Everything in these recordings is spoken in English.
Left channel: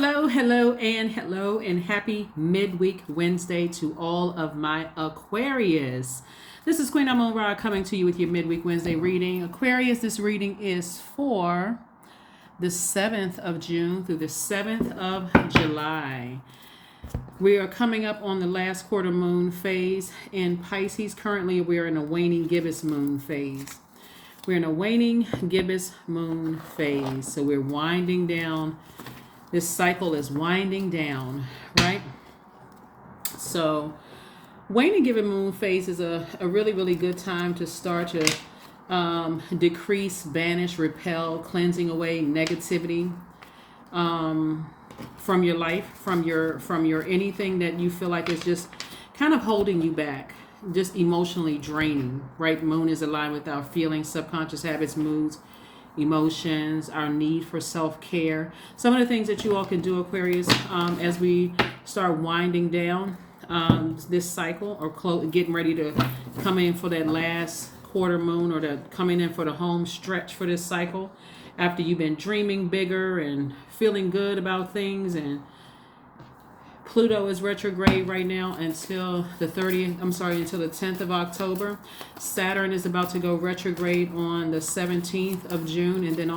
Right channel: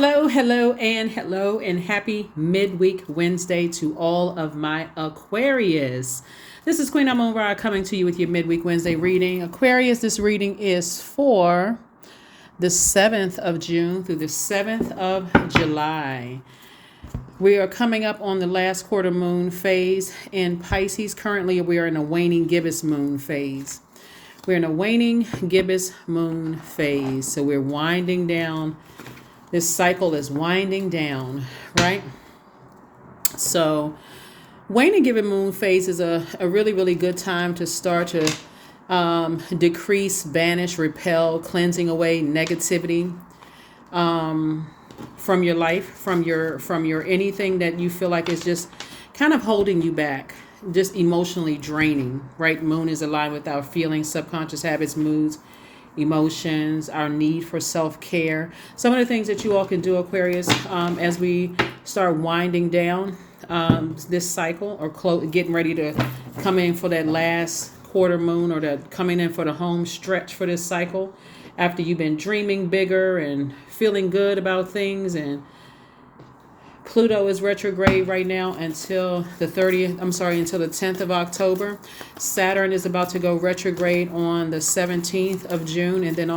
Hello, and happy midweek Wednesday to all of my Aquarius. This is Queen Amun Ra coming to you with your midweek Wednesday reading. Aquarius, this reading is for the 7th of June through the 7th of July. We are coming up on the last quarter moon phase in Pisces. Currently, we are in a waning gibbous moon phase. We're in a waning gibbous moon phase. So we're winding down. This cycle is winding down, right? So waning gibbous moon phase is a really, really good time to start to decrease, banish, repel, cleansing away negativity from your life, from your anything that you feel like is just kind of holding you back, just emotionally draining, right? Moon is aligned with our feelings, subconscious habits, moods, emotions, our need for self-care. Some of the things that you all can do, Aquarius, as we start winding down this cycle or getting ready to come in for that last quarter moon or coming in for the home stretch for this cycle, after you've been dreaming bigger and feeling good about things. And Pluto is retrograde right now until the 10th of October. Saturn is about to go retrograde on the 17th of June. And then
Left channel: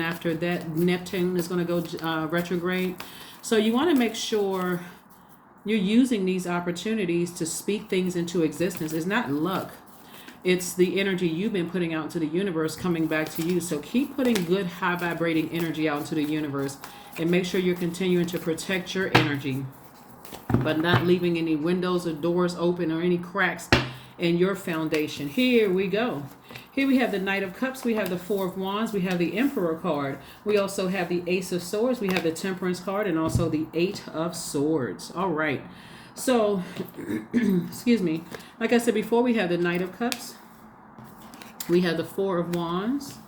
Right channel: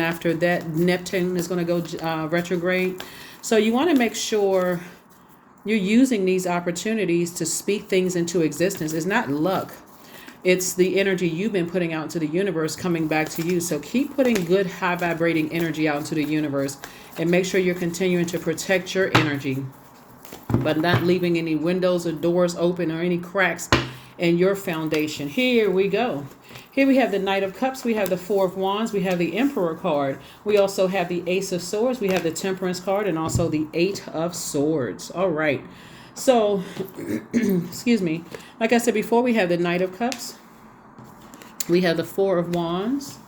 after that, Neptune is going to go retrograde. So you want to make sure you're using these opportunities to speak things into existence. It's not luck. It's the energy you've been putting out into the universe coming back to you. So keep putting good, high vibrating energy out into the universe and make sure you're continuing to protect your energy, but not leaving any windows or doors open or any cracks in your foundation. Here we go. Here we have the Knight of Cups. We have the Four of Wands. We have the Emperor card. We also have the Ace of Swords. We have the Temperance card and also the Eight of Swords. All right. So, excuse me. Like I said before, we have the Knight of Cups. We have the Four of Wands.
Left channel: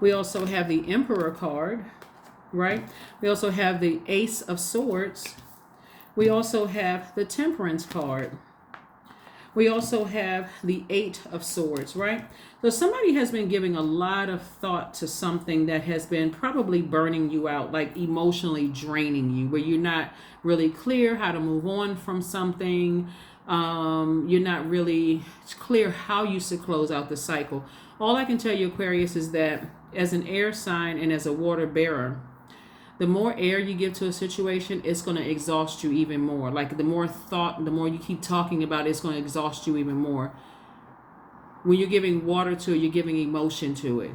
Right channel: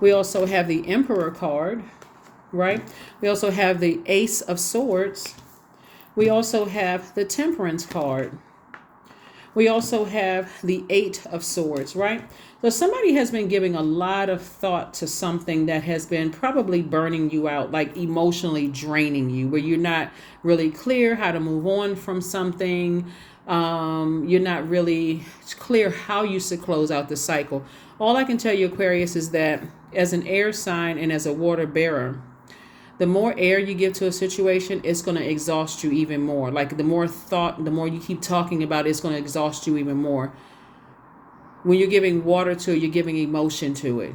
We also have the Emperor card, right? We also have the Ace of Swords. We also have the Temperance card. We also have the Eight of Swords, right? So somebody has been giving a lot of thought to something that has been probably burning you out, like emotionally draining you, where you're not really clear how to move on from something. You're not really clear how you should close out the cycle. All I can tell you, Aquarius, is that as an air sign and as a water bearer, the more air you give to a situation, it's going to exhaust you even more. Like the more thought, the more you keep talking about it, it's going to exhaust you even more. When you're giving water to it, you're giving emotion to it.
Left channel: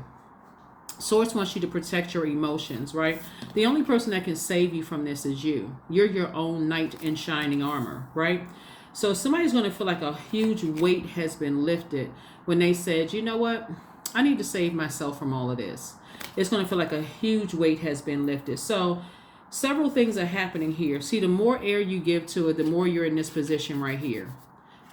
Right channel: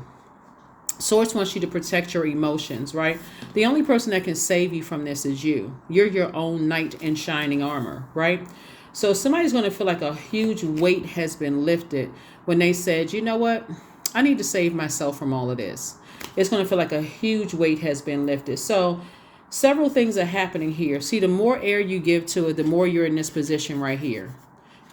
Source wants you to protect your emotions, right? The only person that can save you from this is you. You're your own knight in shining armor, right? So somebody's going to feel like a huge weight has been lifted when they said, you know what? I need to save myself from all of this. It's going to feel like a huge weight has been lifted. So several things are happening here. See, the more air you give to it, the more you're in this position right here.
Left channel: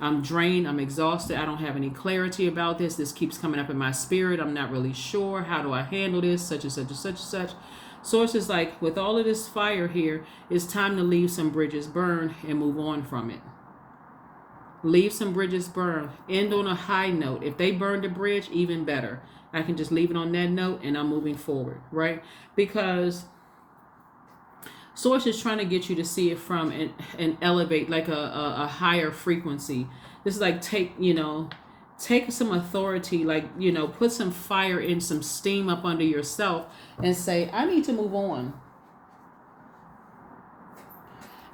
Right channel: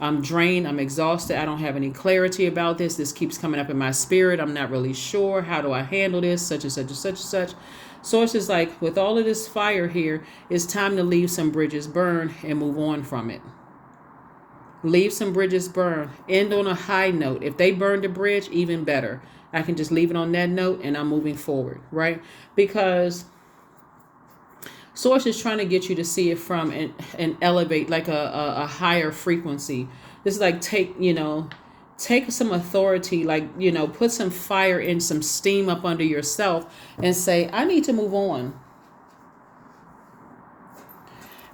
I'm drained. I'm exhausted. I don't have any clarity about this. This keeps coming up in my spirit. I'm not really sure. How do I handle this? Such and such and such and such. Source is like, with all of this fire here, it's time to leave some bridges burn and move on from it. Leave some bridges burn. End on a high note. If they burned a bridge, even better. I can just leave it on that note and I'm moving forward, right? Because Source is trying to get you to see it from and elevate like a higher frequency. This is like take some authority, like, put some fire in, some steam up under yourself and say, I need to move on.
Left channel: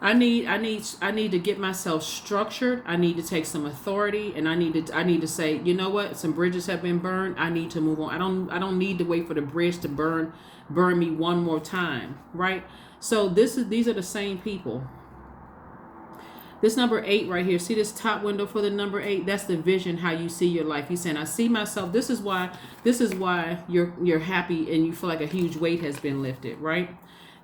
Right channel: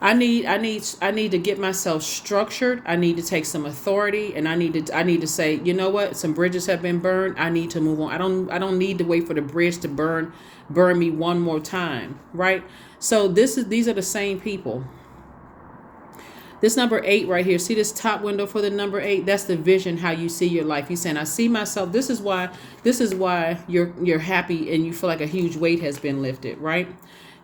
I need to get myself structured. I need to take some authority, and I need to say, you know what? Some bridges have been burned. I need to move on. I don't need to wait for the bridge to burn me one more time, right? So these are the same people. This number 8 right here. See this top window for the number 8? That's the vision, how you see your life. He's saying, I see myself. This is why you're happy and you feel like a huge weight has been lifted, right?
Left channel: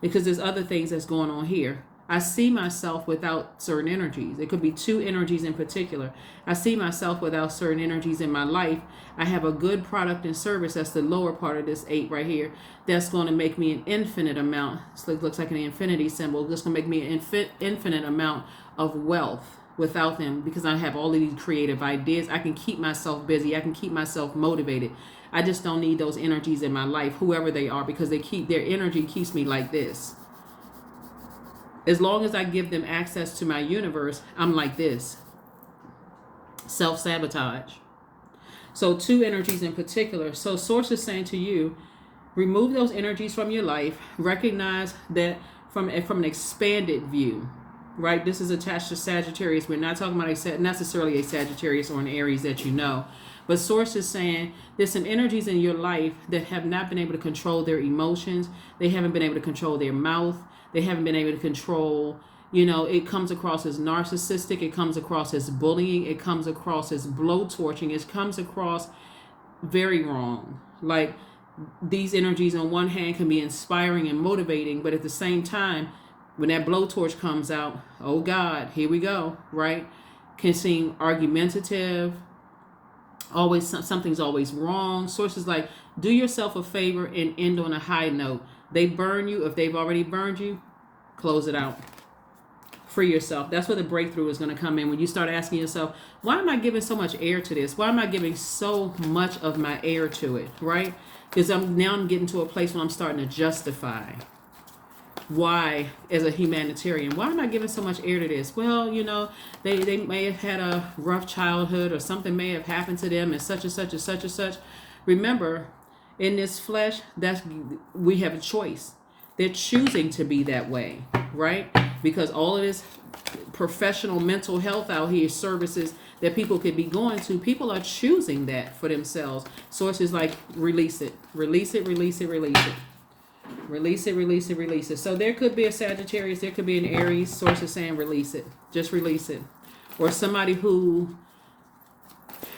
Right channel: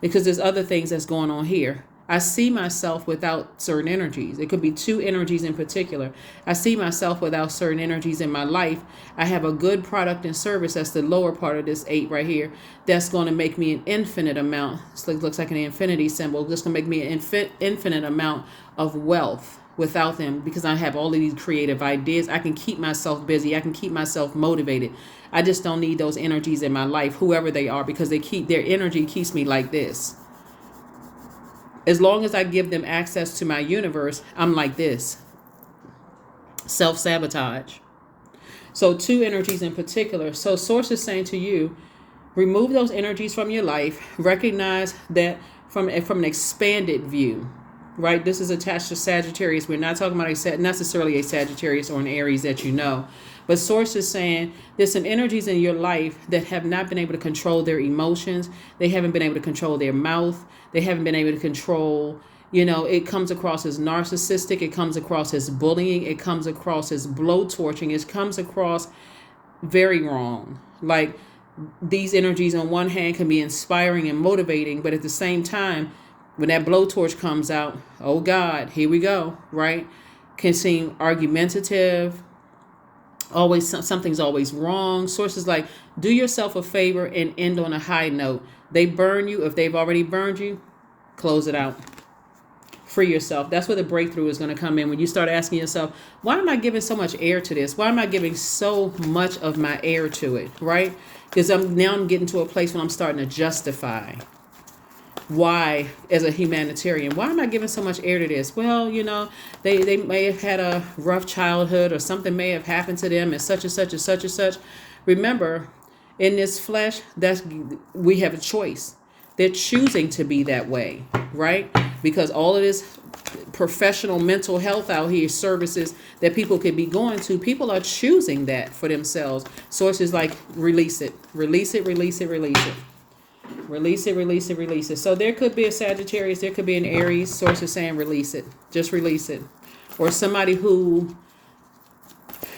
Because there's other things that's going on here. I see myself without certain energies. It could be two energies in particular. I see myself without certain energies in my life. I have a good product and service. That's the lower part of this 8 right here. That's going to make me an infinite amount. This looks like an infinity symbol. That's going to make me an infinite amount of wealth without them, because I have all of these creative ideas. I can keep myself busy. I can keep myself motivated. I just don't need those energies in my life, whoever they are, because their energy keeps me like this. As long as I give them access to my universe, I'm like this. Self-sabotage. So 2 energies in particular. So source is saying to you, remove those energies from your life. Recognize that from an expanded view, right? This is attached to Sagittarius. We're not talking about necessarily a Sagittarius or an Aries that you know. But source is saying there's some energies in your life that have not been able to control their emotions. They haven't been able to control their mouth. They haven't been able to control, it comes across as narcissistic. It comes across as bullying. It comes across as blowtorching. It comes across very wrong. Like, these energies on one hand can be inspiring and motivating, but at the same time, when that blowtorch comes out, oh God, here we go, right? Can seem argumentative. Always something's always wrong. Sources like, do yourself a favor and end on a high note. They burn you. If they've already burned you, close it out. Free yourself. That's where the breakthrough is going to come in. When you start asking yourself, why am I giving so much air to this? Why am I giving so much of my air to it, right? Because I'm getting to a place where I'm starting to justify why, as a humanitarian, why am I giving so much air to this? Well, they may have had a rough childhood, or something may have happened to them, and such and such and such and such. Remember, in this flesh, we have a choice. They're choosing to be that way, right? Because all of this professional mental health out here, services that people could be going to, people are choosing that for themselves. Sources like, release it, release it, release it, release it. Release it, release it, release it. So there could be a Sagittarius, there could be an Aries. Sources saying release it. Just release it. Or somebody who,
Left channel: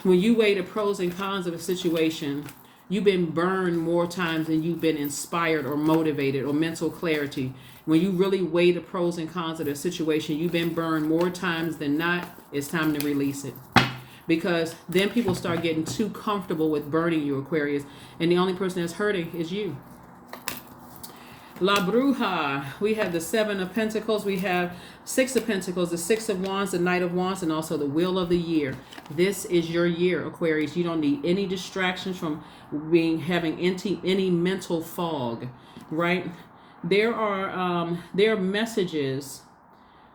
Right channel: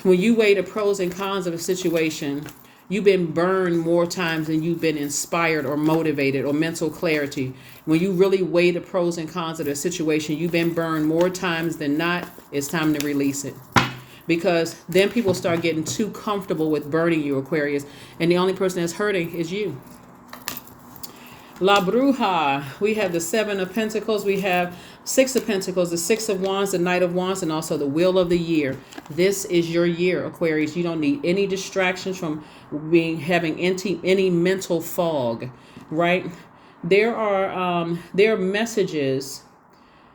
when you weigh the pros and cons of a situation, you've been burned more times than you've been inspired or motivated or mental clarity. When you really weigh the pros and cons of the situation, you've been burned more times than not. It's time to release it. Because then people start getting too comfortable with burning you, Aquarius. And the only person that's hurting is you. La Bruja, we have the 7 of Pentacles, we have 6 of Pentacles, the 6 of Wands, the Knight of Wands, and also the Wheel of the Year. This is your year, Aquarius. You don't need any distractions from having any mental fog, right? There are messages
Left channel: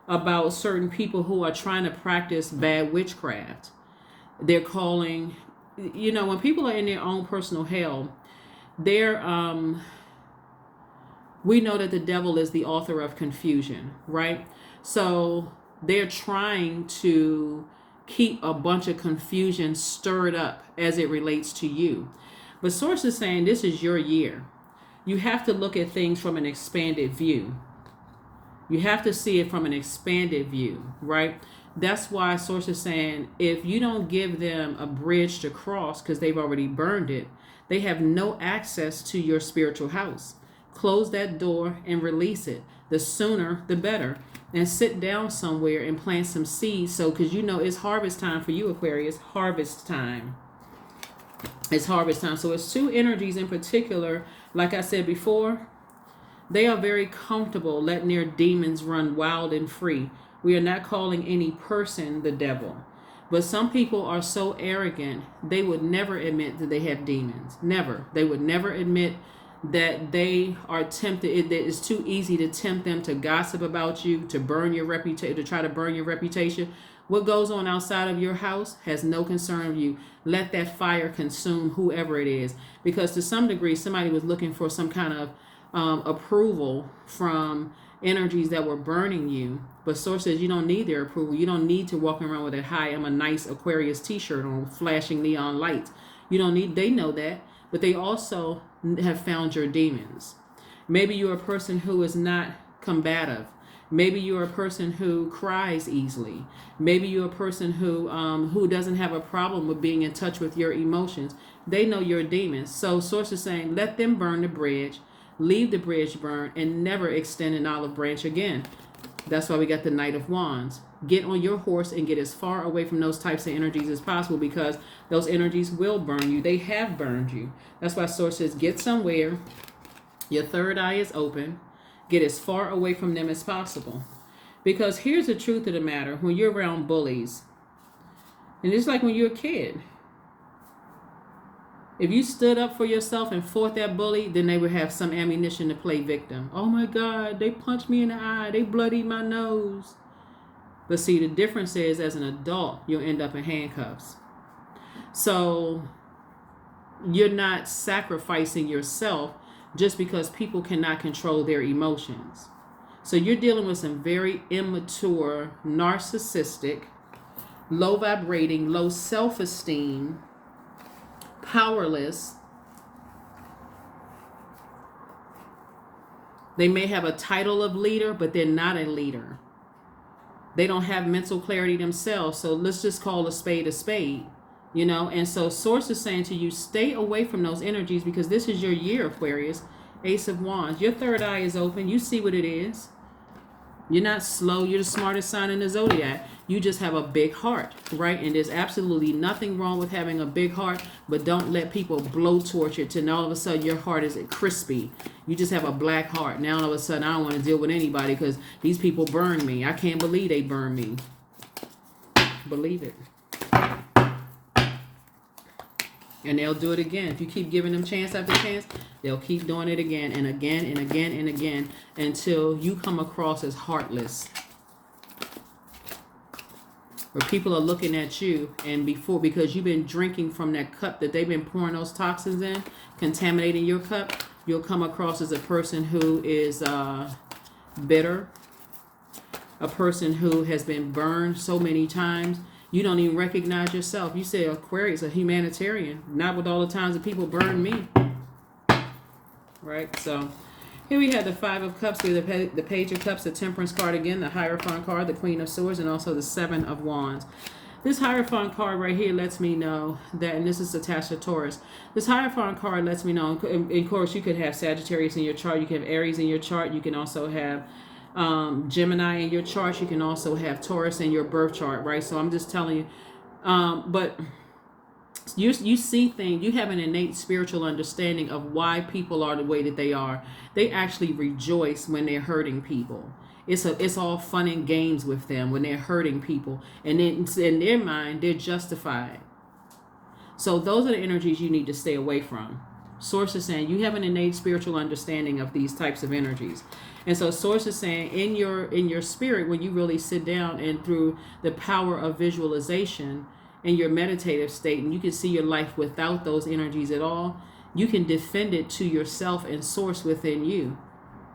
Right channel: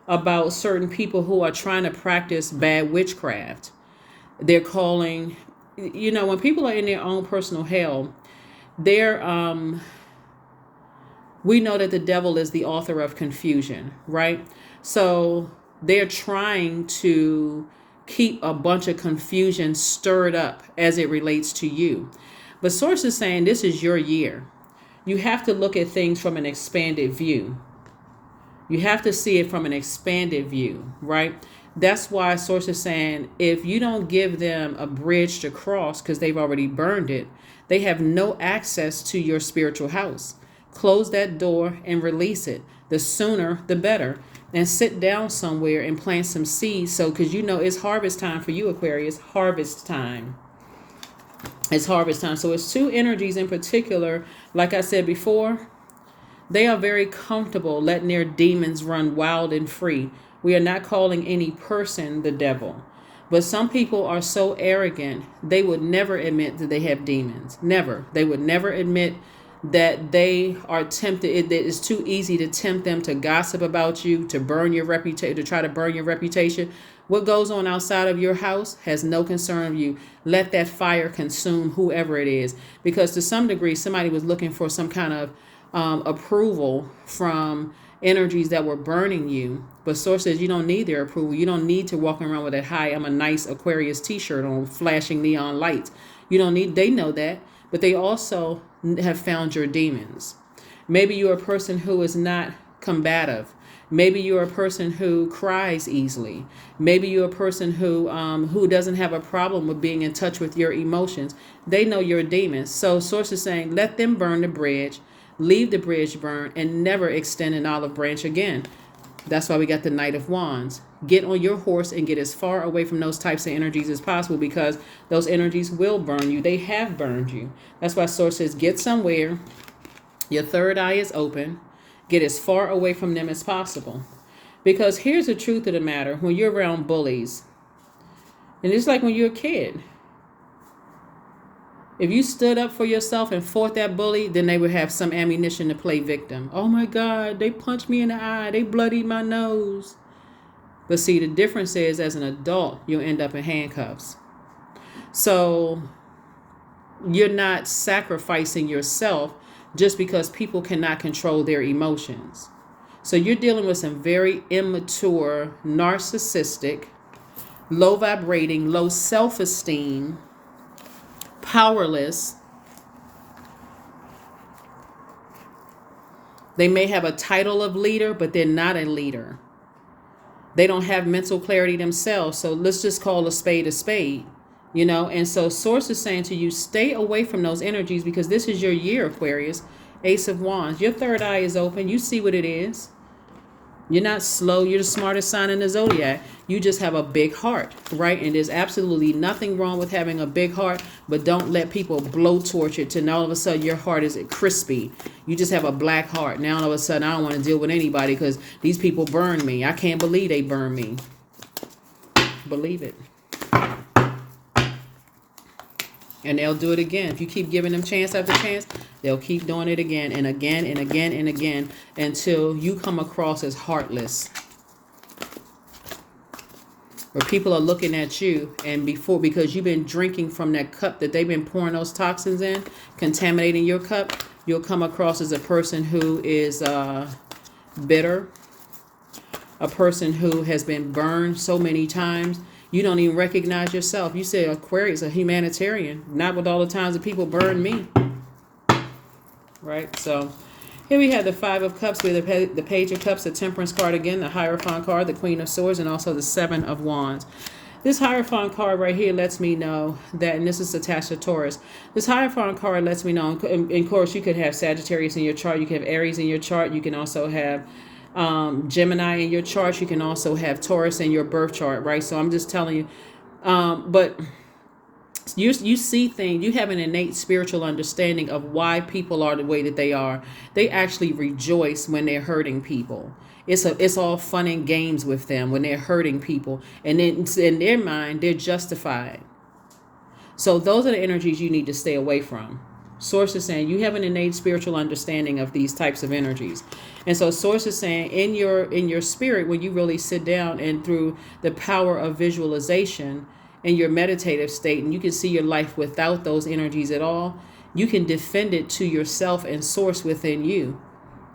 about certain people who are trying to practice bad witchcraft. They're calling, when people are in their own personal hell, we know that the devil is the author of confusion, right? So they're trying to keep a bunch of confusion stirred up as it relates to you. But source is saying this is your year. You have to look at things from an expanded view. You have to see it from an expanded view, right? That's why source is saying if you don't give them a bridge to cross because they've already burned it, they have no access to your spiritual house. Close that door and release it. The sooner, the better. And sit down somewhere and plant some seeds. So, because it's harvest time for you, Aquarius. Harvest time. It's harvest time. So it's 2 energies in particular. Like I said before, they are very comfortable letting their demons run wild and free. We are not calling any person the devil. But some people are so arrogant, they would never admit that they have demons. Never. They would never admit that they are tempted. It is too easy to tempt them to gossip about you, to burn your reputation, to try to burn your reputation. What goes on outside of your house has no concern of you. Let that fire consume whoever it is. Because to some degree, somebody was looking for some kind of approval from energies that were burning you. But source says you don't need their approval. You don't need to walk around with a "Hi, I'm a nice Aquarius t-shirt" on, flashing neon lights. You don't need, they know that. But they also have found your demons. Maybe you're a person who is not combative. Maybe you're a person who cries easily. Maybe you're a person who doesn't have a problem with being in touch with your emotions. They know you're a demon. So source is saying, let them burn the bridge, leave the bridge burned, and never extend an olive branch again. That's why we got the Knight of Wands. Get on your horse and get as far away from those types of energies as possible, because those energies will burn you. They have burned you. That's why source says get somewhere. Your third eye is open. Get as far away from them as possible. Because here's the truth of the matter. When you're around bullies, and it's like when you're a kid, If you stood up for yourself and fought that bully, then they would have some ammunition to play victim. Oh my God, they punched me in the eye. They bloodied my nose. But see, the difference is as an adult, you'll end up in handcuffs. So you're not sacrificing yourself just because people cannot control their emotions. So you're dealing with some very immature, narcissistic, low vibrating, low self-esteem, powerless. They may have a title of leader, but they're not a leader. They don't have mental clarity themselves. So let's just call a spade a spade, you know? And so Source is saying to you, stay away from those energies because this is your year, Aquarius. Ace of Wands. Your third eye is open. You see what it is. You're not slow. You're the smartest sign in the Zodiac. You just have a big heart, right? And there's absolutely nothing wrong with having a big heart, but don't let people blowtorch it to now all of a sudden your heart is crispy. You just have a black heart. Now all of a sudden I don't want to deal with anybody because these people burn me. I can't believe they burn me. Believe it. And they'll do it again. If you keep giving them chance after chance, they'll keep doing it again and again and again and again until you come across as heartless. Where people are looking at you and because you've been drinking from that cup that they've been pouring those toxins in, contaminating your cup, you'll come across as a person who is bitter, a person who has been burned so many times. You don't even recognize yourself. You say Aquarius, a humanitarian. Not with all the times that people burn me. Right? So here we have the Five of Cups with the Page of Cups, the Temperance card again, the Hierophant card, the Queen of Swords, and also the Seven of Wands. This Hierophant card right here lets me know that, and this is attached to Taurus. This Hierophant card lets me know, and of course, you could have Sagittarius in your chart. You can have Aries in your chart. You can also have Gemini in your chart. You can also have Taurus in your birth chart, right? So I'm just telling you, but you see things, you have an innate spiritual understanding of why people are the way that they are. They actually rejoice when they're hurting people. It's all fun and games with them when they're hurting people, and then in their mind they're justified. So those are the energies you need to stay away from. Source is saying you have an innate spiritual understanding of these types of energies. And so Source is saying in your spirit, when you really sit down and through the power of visualization in your meditative state, and you can see your life without those energies at all, you can defend it to yourself and Source within you.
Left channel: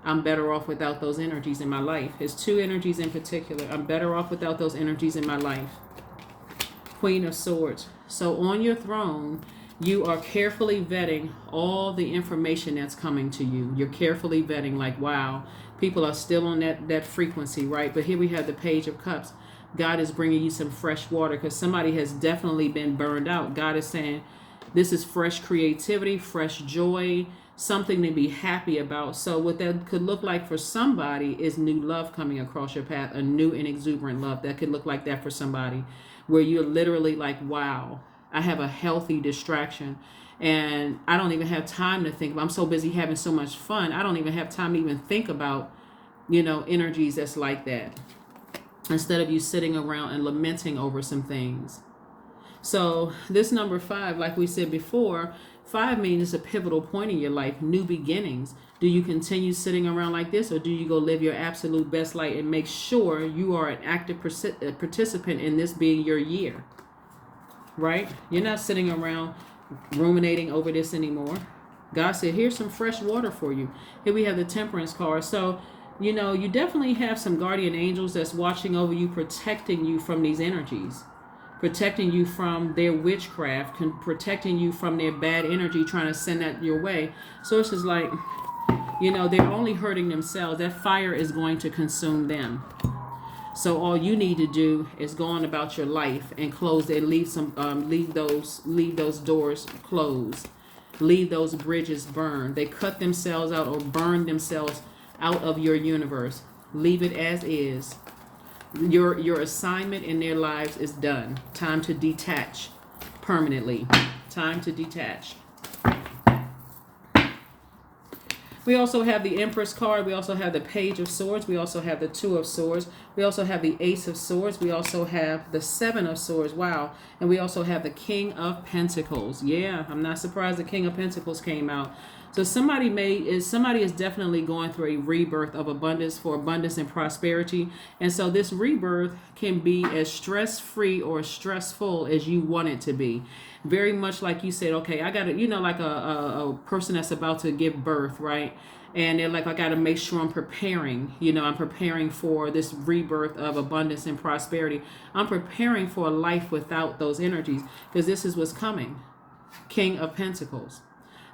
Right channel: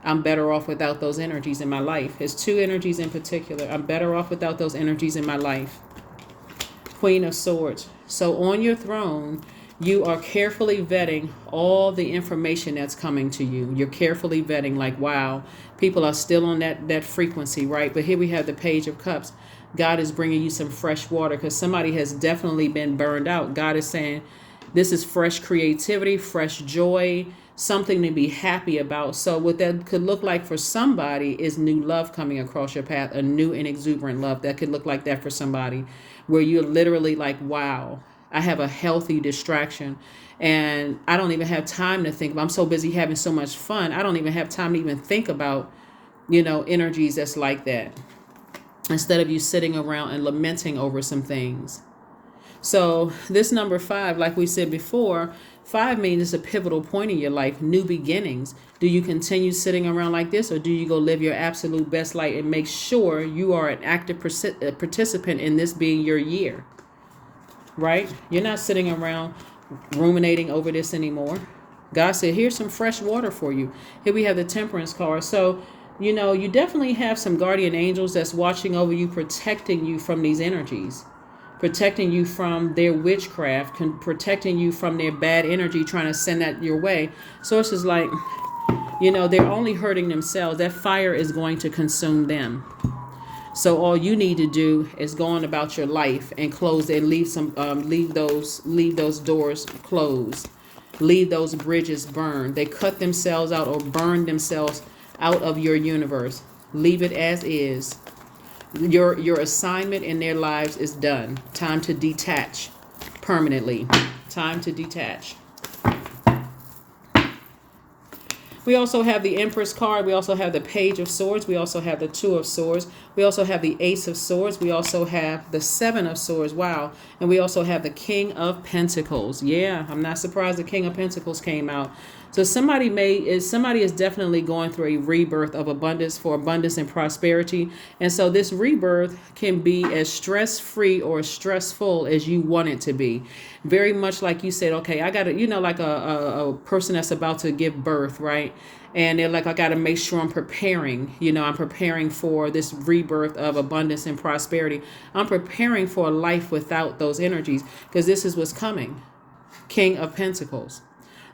I'm better off without those energies in my life. There's two energies in particular. I'm better off without those energies in my life. Queen of Swords. So on your throne, you are carefully vetting all the information that's coming to you. You're carefully vetting, like, wow, people are still on that frequency, right? But here we have the Page of Cups. God is bringing you some fresh water because somebody has definitely been burned out. God is saying this is fresh creativity, fresh joy, something to be happy about. So what that could look like for somebody is new love coming across your path, a new and exuberant love. That could look like that for somebody where you're literally like, wow, I have a healthy distraction and I don't even have time to think. I'm so busy having so much fun. I don't even have time to even think about, energies that's like that. Instead of you sitting around and lamenting over some things. So this number 5, like we said before, 5 means it's a pivotal point in your life, new beginnings. Do you continue sitting around like this, or do you go live your absolute best life and make sure you are an active participant in this being your year? Right? You're not sitting around ruminating over this anymore. God said, here's some fresh water for you. Here we have the Temperance card. So, you definitely have some guardian angels that's watching over you, protecting you from these energies, protecting you from their witchcraft, protecting you from their bad energy, trying to send that your way. So it's just like, they're only hurting themselves. That fire is going to consume them. So all you need to do is go on about your life and close and leave those doors closed, leave those bridges burned. They cut themselves out or burn themselves out of your universe. Leave it as is. Your assignment in their lives is done. Time to detach permanently. Time to detach. We also have the Empress card. We also have the Page of Swords. We also have the Two of Swords. We also have the Ace of Swords. We also have the Seven of Swords. Wow. And we also have the King of Pentacles. Yeah, I'm not surprised the King of Pentacles came out. So somebody is definitely going through a rebirth of abundance, for abundance and prosperity. And so this rebirth can be as stress-free or stressful as you want it to be. Very much like you said, okay, I got to, like a person that's about to give birth, right? And they're like, I got to make sure I'm preparing. I'm preparing for this rebirth of abundance and prosperity. I'm preparing for a life without those energies, because this is what's coming. King of Pentacles.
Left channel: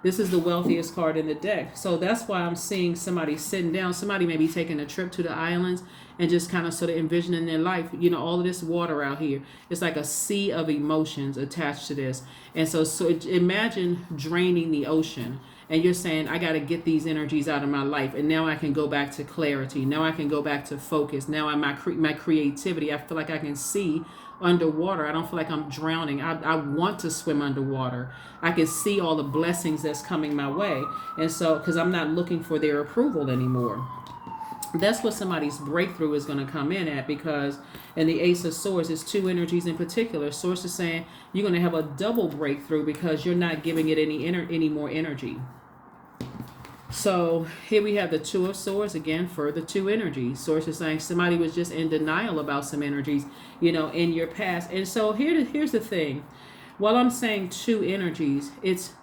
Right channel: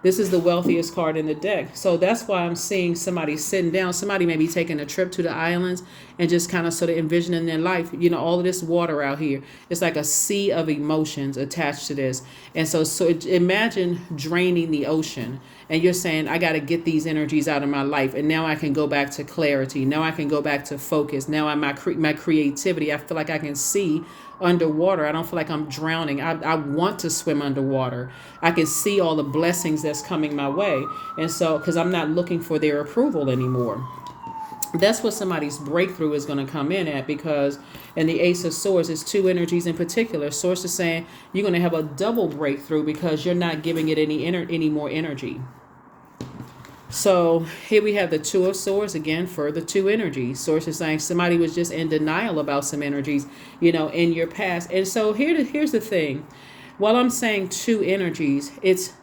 This is the wealthiest card in the deck. So that's why I'm seeing somebody sitting down. Somebody may be taking a trip to the islands and just kind of sort of envisioning their life. All of this water out here. It's like a sea of emotions attached to this. And so imagine draining the ocean. And you're saying, I got to get these energies out of my life. And now I can go back to clarity. Now I can go back to focus. Now my creativity, I feel like I can see underwater. I don't feel like I'm drowning. I want to swim underwater. I can see all the blessings that's coming my way. And so, because I'm not looking for their approval anymore. That's what somebody's breakthrough is going to come in at, because in the Ace of Swords, it's two energies in particular. Source is saying you're going to have a double breakthrough because you're not giving it any more energy. So here we have the Two of Swords again for the two energies. Source is saying somebody was just in denial about some energies, in your past. And so here's the thing. While I'm saying two energies, it's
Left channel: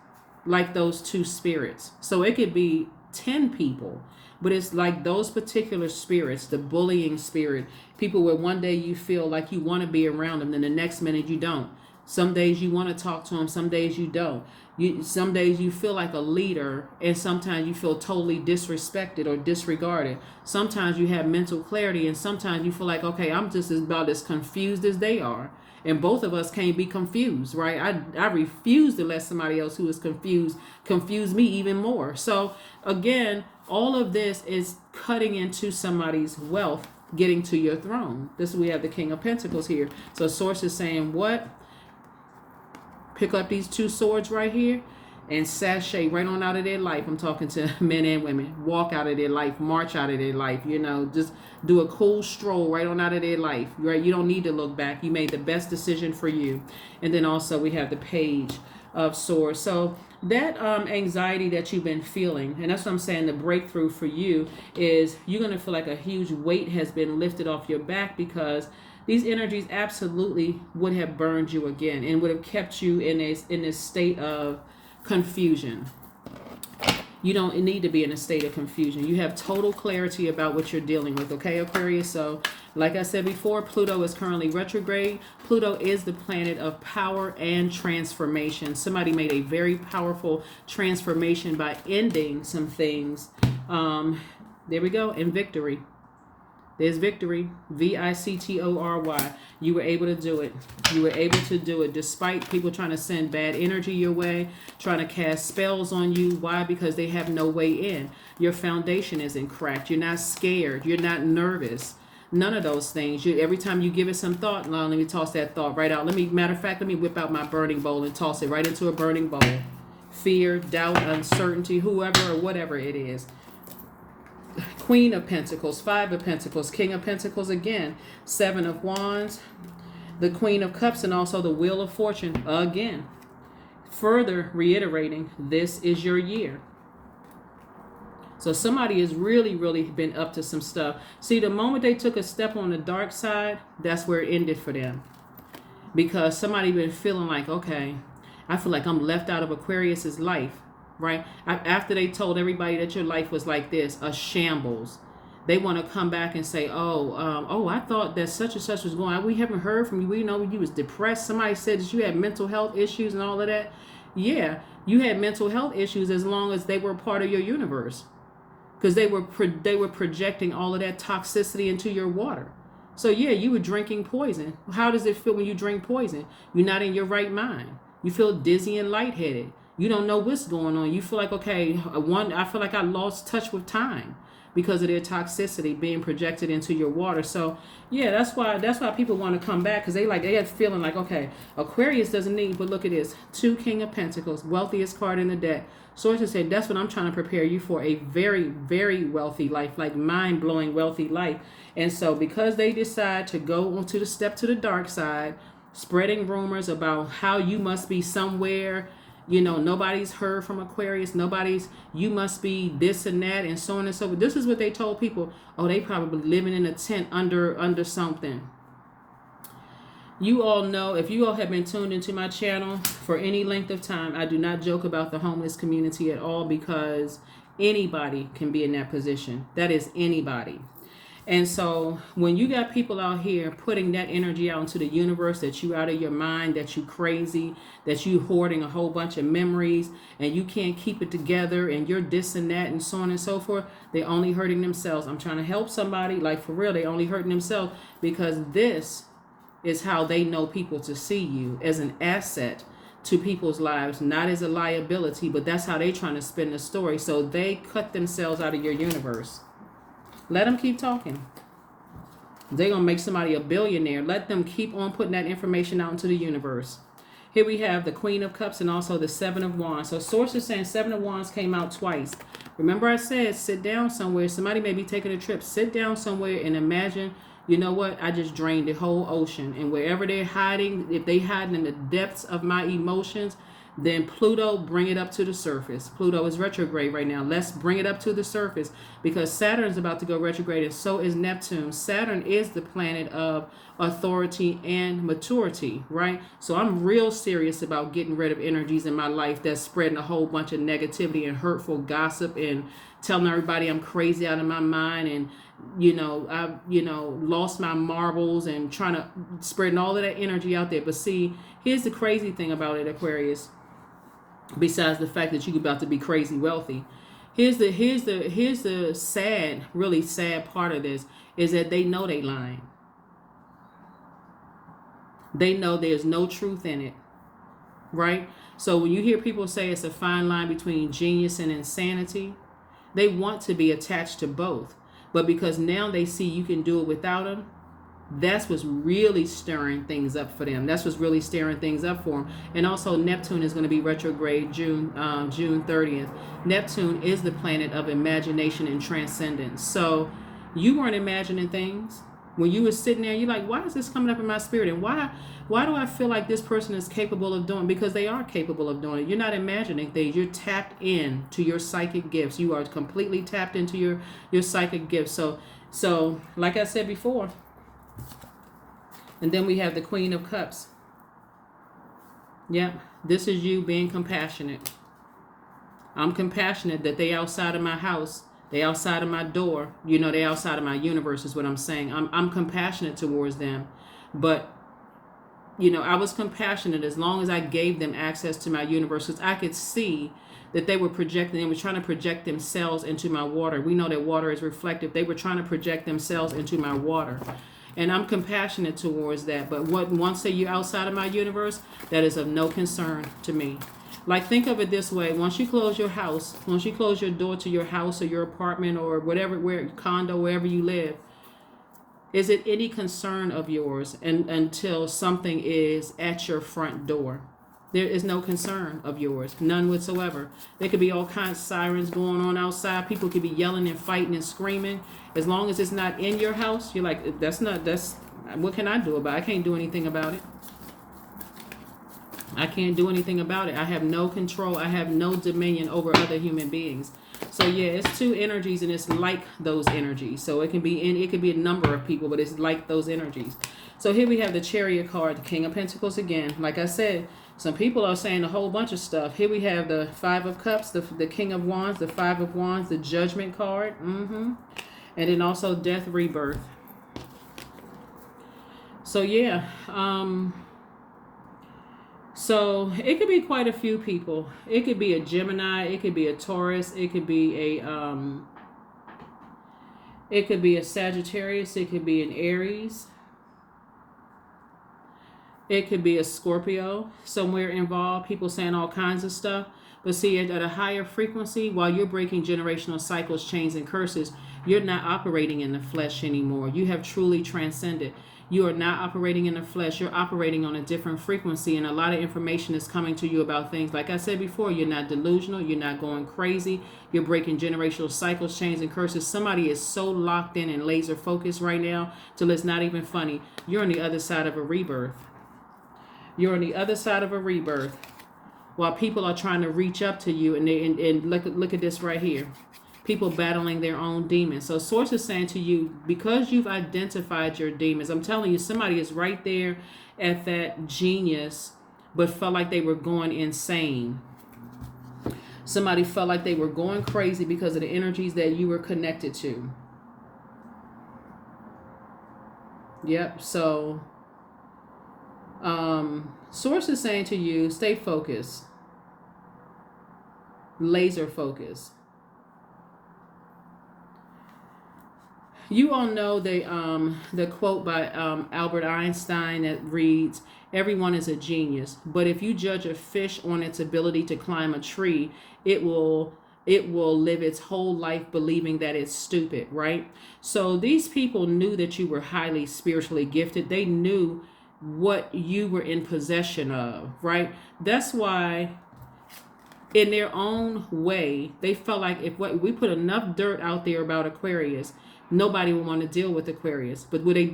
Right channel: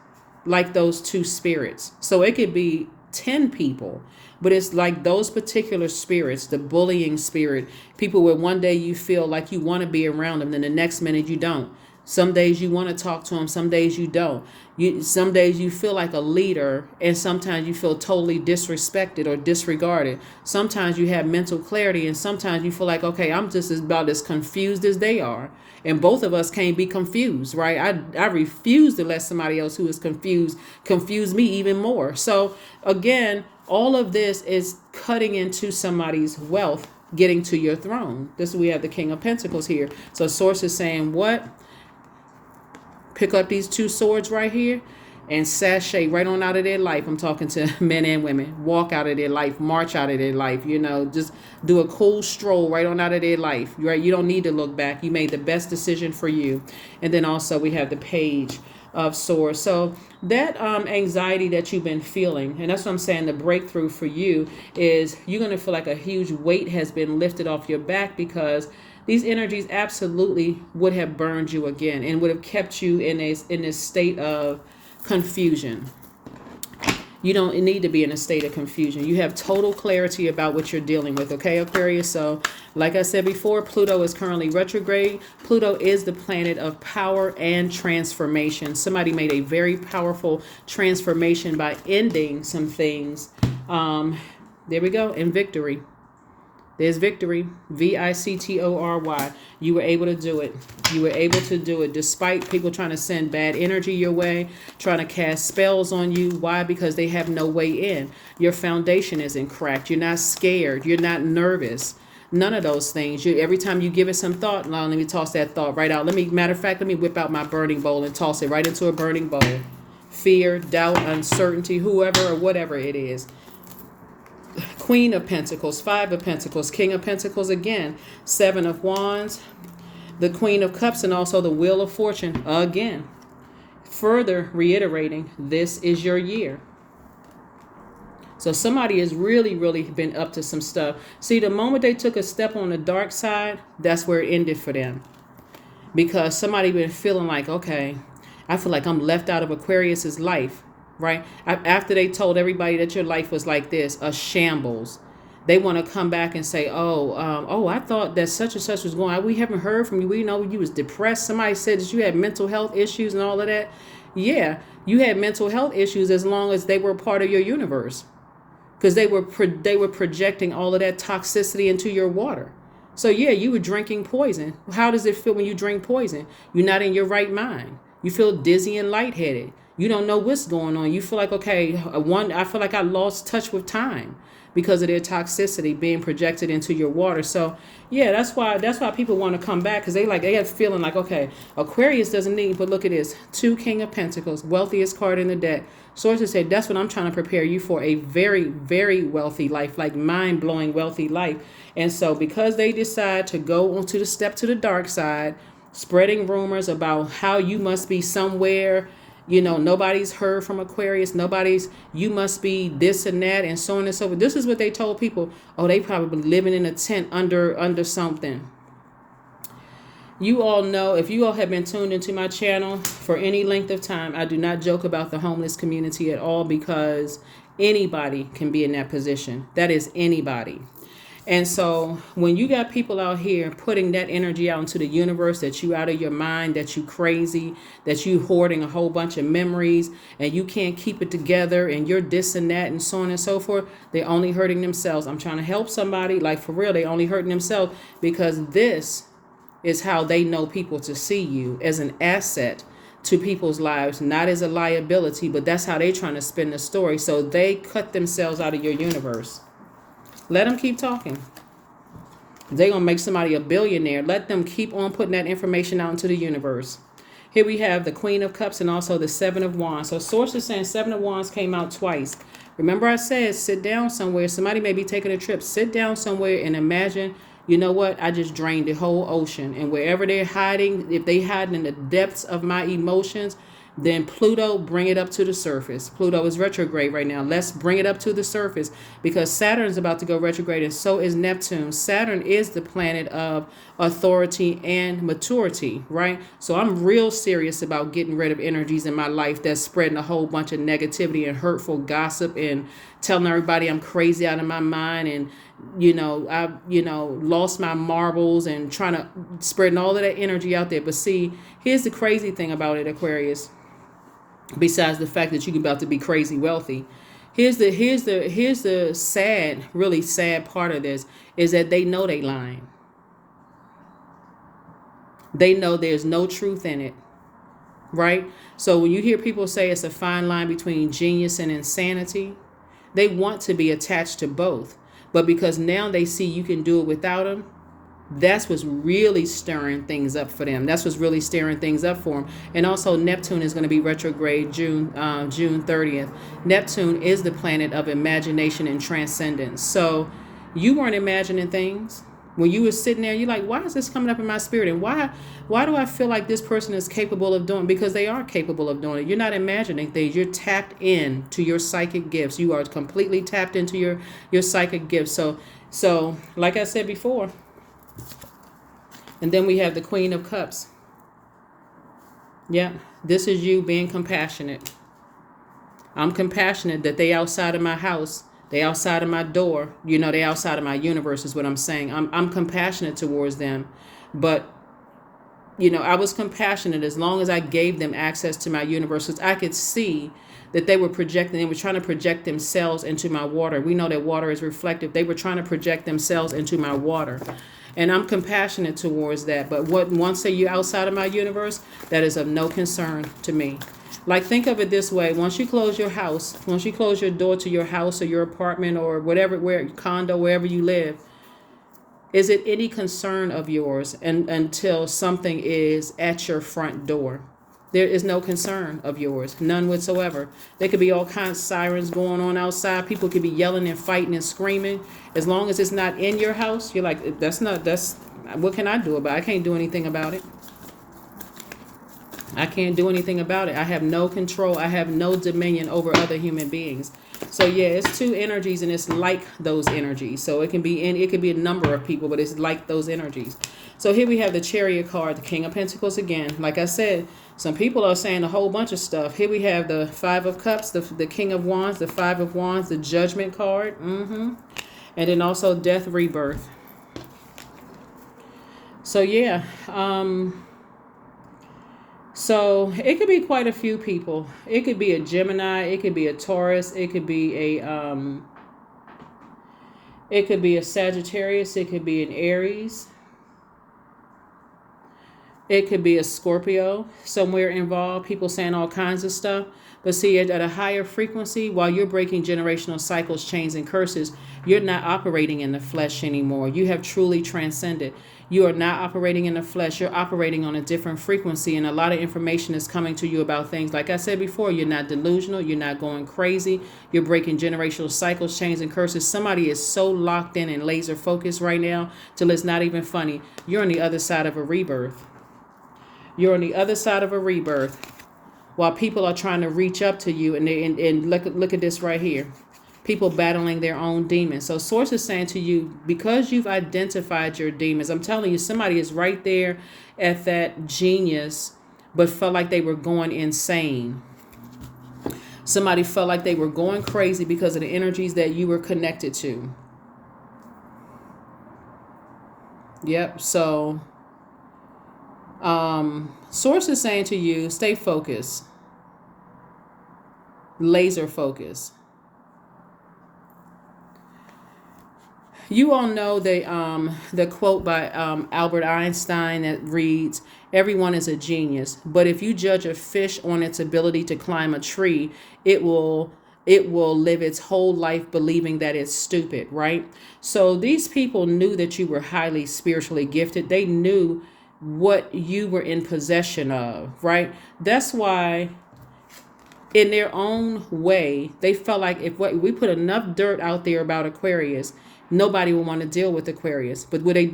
like those two spirits. So it could be 10 people, but it's like those particular spirits, the bullying spirit, people where one day you feel like you want to be around them, then the next minute you don't. Some days you want to talk to them, some days you don't. Some days you feel like a leader, and sometimes you feel totally disrespected or disregarded. Sometimes you have mental clarity, and sometimes you feel like, okay, I'm just about as confused as they are. And both of us can't be confused, right? I refuse to let somebody else who is confused confuse me even more. So again, all of this is cutting into somebody's wealth, getting to your throne. We have the King of Pentacles here. So Source is saying what? Pick up these two swords right here and sashay right on out of their life. I'm talking to men and women. Walk out of their life, march out of their life, just do a cool stroll right on out of their life, right? You don't need to look back. You made the best decision for you. And then also we have the Page of Swords. So that anxiety that you've been feeling, and that's what I'm saying, the breakthrough for you is you're going to feel like a huge weight has been lifted off your back, because these energies absolutely would have burned you again and would have kept you in this state of confusion. You don't need to be in a state of confusion. You have total clarity about what you're dealing with, okay, Aquarius? So, like I said before, Pluto is currently retrograde. Pluto is the planet of power and transformation. Somebody made a very powerful transformation by ending some things. There we go, and victory. There's victory, victory. You were able to do it. You were able to do it despite people trying to send bad energy your way, trying to cast spells on you. Why? Because they have no way in. Your foundation isn't cracked. You're not scared. You're not nervous. None of those things. Every time you give it some thought, now let me toss that thought right out. Matter of fact, let me whip out my burning bowl and toss it right into a burning bowl. Fear, doubt, uncertainty, whoever or whatever it is. Queen of Pentacles, Five of Pentacles, King of Pentacles again, Seven of Wands, the Queen of Cups, and also the Wheel of Fortune again. Further reiterating, this is your year. So somebody has really, really been up to some stuff. See, the moment they took a step on the dark side, that's where it ended for them. Because somebody been feeling like, okay, I feel like I'm left out of Aquarius's life. Right? After they told everybody that your life was like this, a shambles, they want to come back and say, I thought that such and such was going on. We haven't heard from you. We know you was depressed. Somebody said that you had mental health issues and all of that. Yeah, you had mental health issues as long as they were part of your universe, because they were projecting all of that toxicity into your water. So yeah, you were drinking poison. How does it feel when you drink poison? You're not in your right mind. You feel dizzy and lightheaded. You don't know what's going on. You feel like, okay, I feel like I lost touch with time because of their toxicity being projected into your water. So yeah, that's why people want to come back, because they have feeling like, okay, Aquarius doesn't need, but look at this, two King of Pentacles, wealthiest card in the deck, Sources say that's what I'm trying to prepare you for, a very, very wealthy life, like mind-blowing wealthy life. And so because they decide to go onto the step to the dark side, spreading rumors about how you must be somewhere, nobody's heard from Aquarius, you must be this and that, and so on and so forth. This is what they told people. Oh, they probably living in a tent under something. You all know, if you all have been tuned into my channel for any length of time, I do not joke about the homeless community at all, because anybody can be in that position. That is anybody. And so when you got people out here putting that energy out into the universe, that you out of your mind, that you crazy, that you hoarding a whole bunch of memories and you can't keep it together and you're this and that and so on and so forth, they're only hurting themselves. I'm trying to help somebody, like for real, they only hurting themselves, because this is how they know people to see you, as an asset to people's lives, not as a liability, but that's how they trying to spin the story. So they cut themselves out of your universe. Let them keep talking. They're going to make somebody a billionaire. Let them keep on putting that information out into the universe. Here we have the Queen of Cups and also the Seven of Wands. So sources saying Seven of Wands came out twice. Remember I said sit down somewhere. Somebody may be taking a trip. Sit down somewhere and imagine, you know what? I just drained the whole ocean. And wherever they're hiding, if they hiding in the depths of my emotions, then Pluto, bring it up to the surface. Pluto is retrograde right now. Let's bring it up to the surface, because Saturn is about to go retrograde, and so is Neptune. Saturn is the planet of authority and maturity, right? So I'm real serious about getting rid of energies in my life that's spreading a whole bunch of negativity and hurtful gossip and telling everybody I'm crazy out of my mind, and I lost my marbles, and trying to spreading all of that energy out there. But see, here's the crazy thing about it, Aquarius. Besides the fact that you're about to be crazy wealthy, here's the sad, really sad part of this, is that they know they lying. They know there's no truth in it, right? So when you hear people say it's a fine line between genius and insanity, they want to be attached to both. But because now they see you can do it without them, that's what's really stirring things up for them. That's what's really stirring things up for them. And also Neptune is going to be retrograde June 30th. Neptune is the planet of imagination and transcendence. So you weren't imagining things. When you were sitting there, you're like, why is this coming up in my spirit? And why do I feel like this person is capable of doing? Because they are capable of doing it. You're not imagining things. You're tapped in to your psychic gifts. You are completely tapped into your psychic gifts. So like I said before, and then we have the Queen of Cups. Yeah, this is you being compassionate. I'm compassionate that they outside of my house. They outside of my door. They outside of my universe is what I'm saying. I'm compassionate towards them. But, I was compassionate as long as I gave them access to my universe. Because I could see that they were projecting. They were trying to project themselves into my water. We know that water is reflective. They were trying to project themselves into my water. And I'm compassionate towards that. But once you're outside of my universe, that is of no concern to me. Like, think of it this way. Once you close your house, once you close your door to your house or your apartment or whatever, condo, wherever you live, is it any concern of yours until something is at your front door? There is no concern of yours, none whatsoever. There could be all kinds of sirens going on outside. People could be yelling and fighting and screaming. As long as it's not in your house, you're like, what can I do about it? I can't do anything about it. I can't do anything about it. I have no control. I have no dominion over other human beings. So yeah, it's two energies, and it's like those energies. So it can be a number of people, but it's like those energies. So here we have the Chariot card, the King of Pentacles again. Like I said, some people are saying a whole bunch of stuff. Here we have the Five of Cups, the King of Wands, the Five of Wands, the Judgment card, and then also Death, Rebirth. So yeah, so it could be quite a few people. It could be a Gemini, it could be a Taurus, it could be a Sagittarius, it could be an Aries. It could be a Scorpio somewhere involved. People saying all kinds of stuff. But see, at a higher frequency, while you're breaking generational cycles, chains, and curses, You're not operating in the flesh anymore. You have truly transcended. You are not operating in the flesh. You're operating on a different frequency, and a lot of information is coming to you about things. Like I said before, you're not delusional. You're not going crazy. You're breaking generational cycles, chains, and curses. Somebody is so locked in and laser focused right now till it's not even funny. You're on the other side of a rebirth. You're on the other side of a rebirth while people are trying to reach up to you. And look at this right here. People battling their own demons. So Source is saying to you, because you've identified your demons, I'm telling you, somebody is right there at that genius, but felt like they were going insane. Somebody felt like they were going crazy because of the energies that you were connected to. Yep. So Source is saying to you, stay focused. Laser focus. You all know the quote by Albert Einstein that reads, "Everyone is a genius, but if you judge a fish on its ability to climb a tree, it will live its whole life believing that it's stupid," right? So these people knew that you were highly spiritually gifted. They knew what you were in possession of, right? That's why in their own way, they felt like if we put enough dirt out there about Aquarius, nobody would want to deal with Aquarius. But what they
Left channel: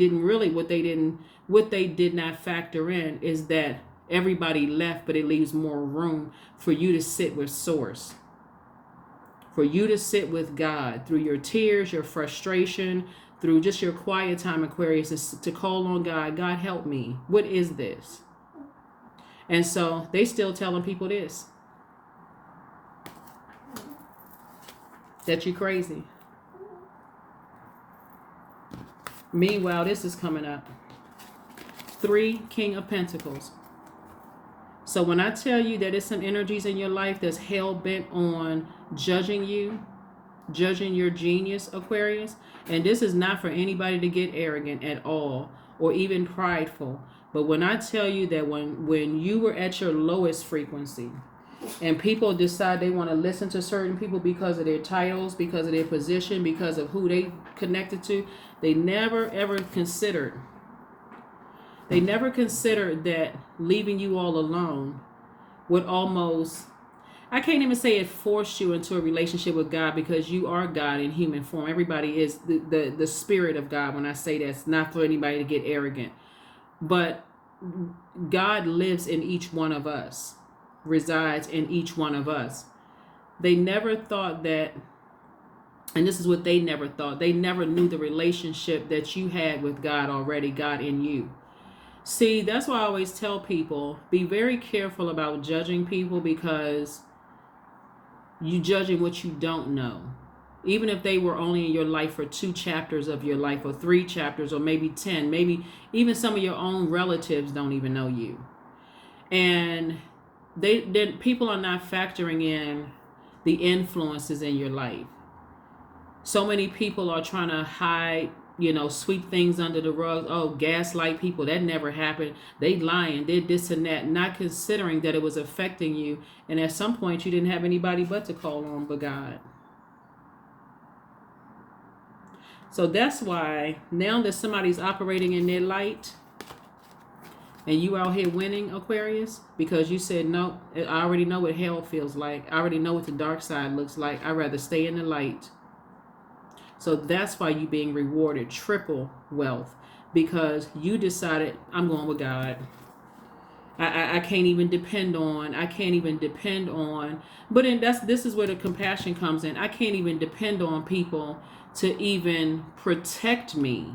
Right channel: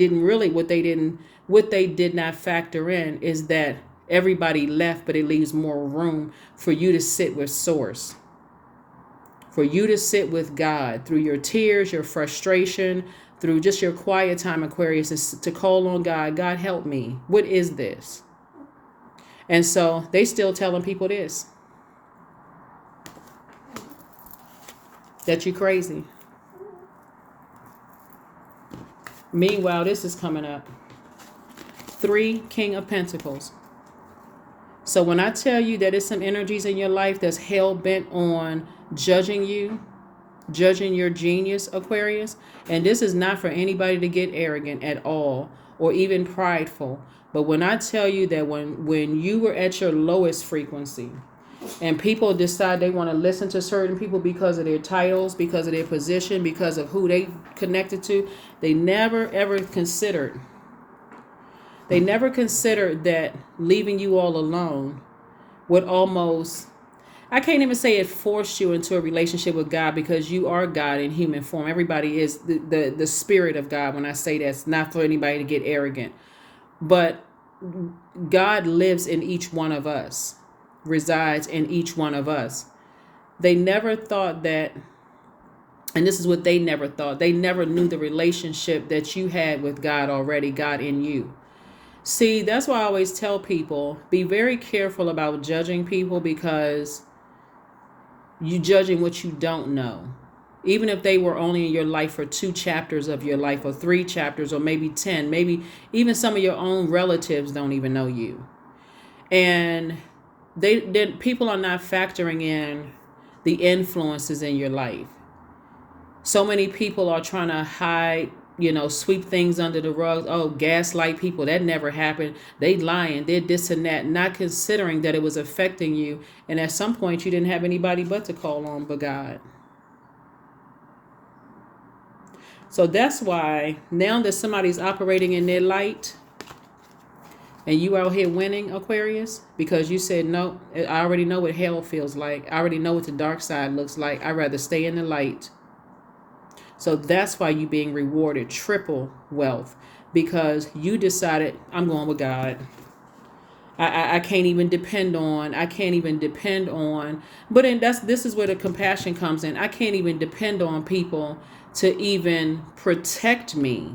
did not factor in is that everybody left, but it leaves more room for you to sit with Source, for you to sit with God through your tears, your frustration, through just your quiet time, Aquarius, to call on God. God, help me. What is this? And so they still telling people this, that you crazy. Meanwhile, this is coming up. 3, King of Pentacles. So when I tell you that there's some energies in your life that's hell-bent on judging you, judging your genius, Aquarius, and this is not for anybody to get arrogant at all or even prideful. But when I tell you that when you were at your lowest frequency and people decide they want to listen to certain people because of their titles, because of their position, because of who they connected to, they never ever considered that leaving you all alone would almost, I can't even say it forced you into a relationship with God, because you are God in human form. Everybody is the spirit of God. When I say that's not for anybody to get arrogant, but God lives in each one of us, resides in each one of us. They never thought that, and this is what they never thought, they never knew the relationship that you had with God already, God in you. See, that's why I always tell people, be very careful about judging people, because you judging what you don't know. Even if they were only in your life for 2 chapters of your life, or 3 chapters, or maybe 10, maybe even some of your own relatives don't even know you. And people are not factoring in the influences in your life. So many people are trying to hide, sweep things under the rug. Oh, gaslight people. That never happened. They lying. Did this and that. Not considering that it was affecting you. And at some point, you didn't have anybody but to call on but God. So that's why now that somebody's operating in their light and you out here winning, Aquarius, because you said, no, I already know what hell feels like. I already know what the dark side looks like. I'd rather stay in the light. So that's why you're being rewarded triple wealth, because you decided, I'm going with God. I can't even depend on. But this is where the compassion comes in. I can't even depend on people to even protect me,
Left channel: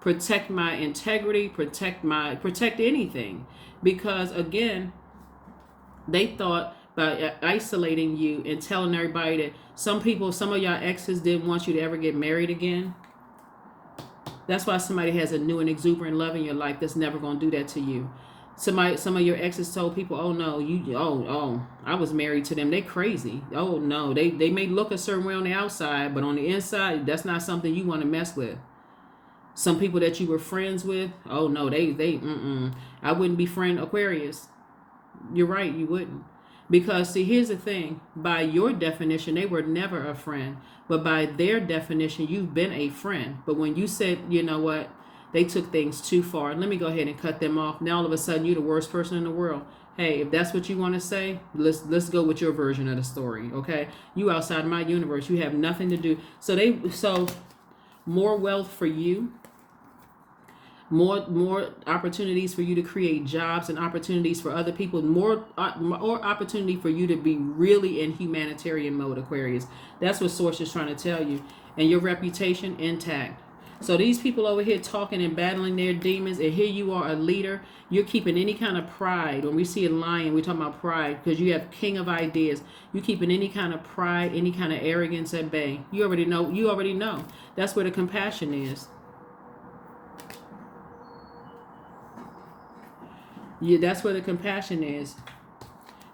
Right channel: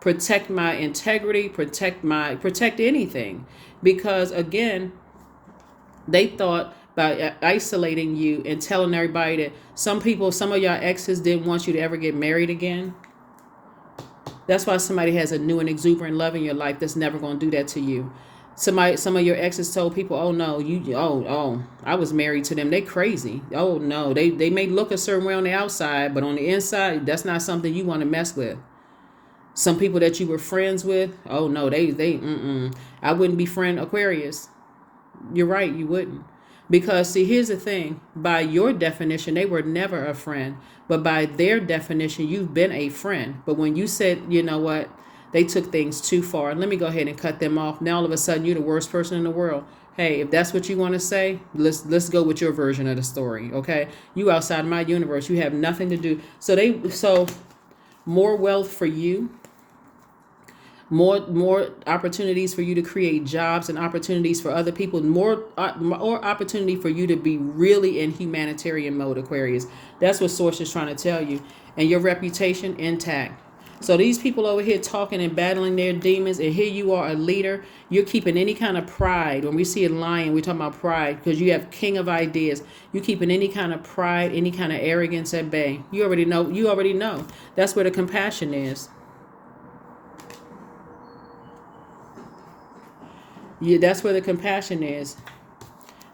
protect my integrity, protect anything, because again, they thought by isolating you and telling everybody that some of y'all exes didn't want you to ever get married again. That's why somebody has a new and exuberant love in your life that's never going to do that to you. Some of your exes told people, oh no, I was married to them. They crazy. Oh no, they may look a certain way on the outside, but on the inside, that's not something you want to mess with. Some people that you were friends with, oh no, I wouldn't be friend Aquarius. You're right, you wouldn't. Because, see, here's the thing. By your definition, they were never a friend. But by their definition, you've been a friend. But when you said, you know what, they took things too far, let me go ahead and cut them off. Now, all of a sudden, you're the worst person in the world. Hey, if that's what you want to say, let's go with your version of the story, okay? You outside my universe. You have nothing to do. So more wealth for you. More opportunities for you to create jobs and opportunities for other people. More opportunity for you to be really in humanitarian mode, Aquarius. That's what Source is trying to tell you. And your reputation intact. So these people over here talking and battling their demons, and here you are, a leader. You're keeping any kind of pride. When we see a lion, we're talking about pride because you have king of ideas. You're keeping any kind of pride, any kind of arrogance at bay. You already know. That's where the compassion is. That's where the compassion is.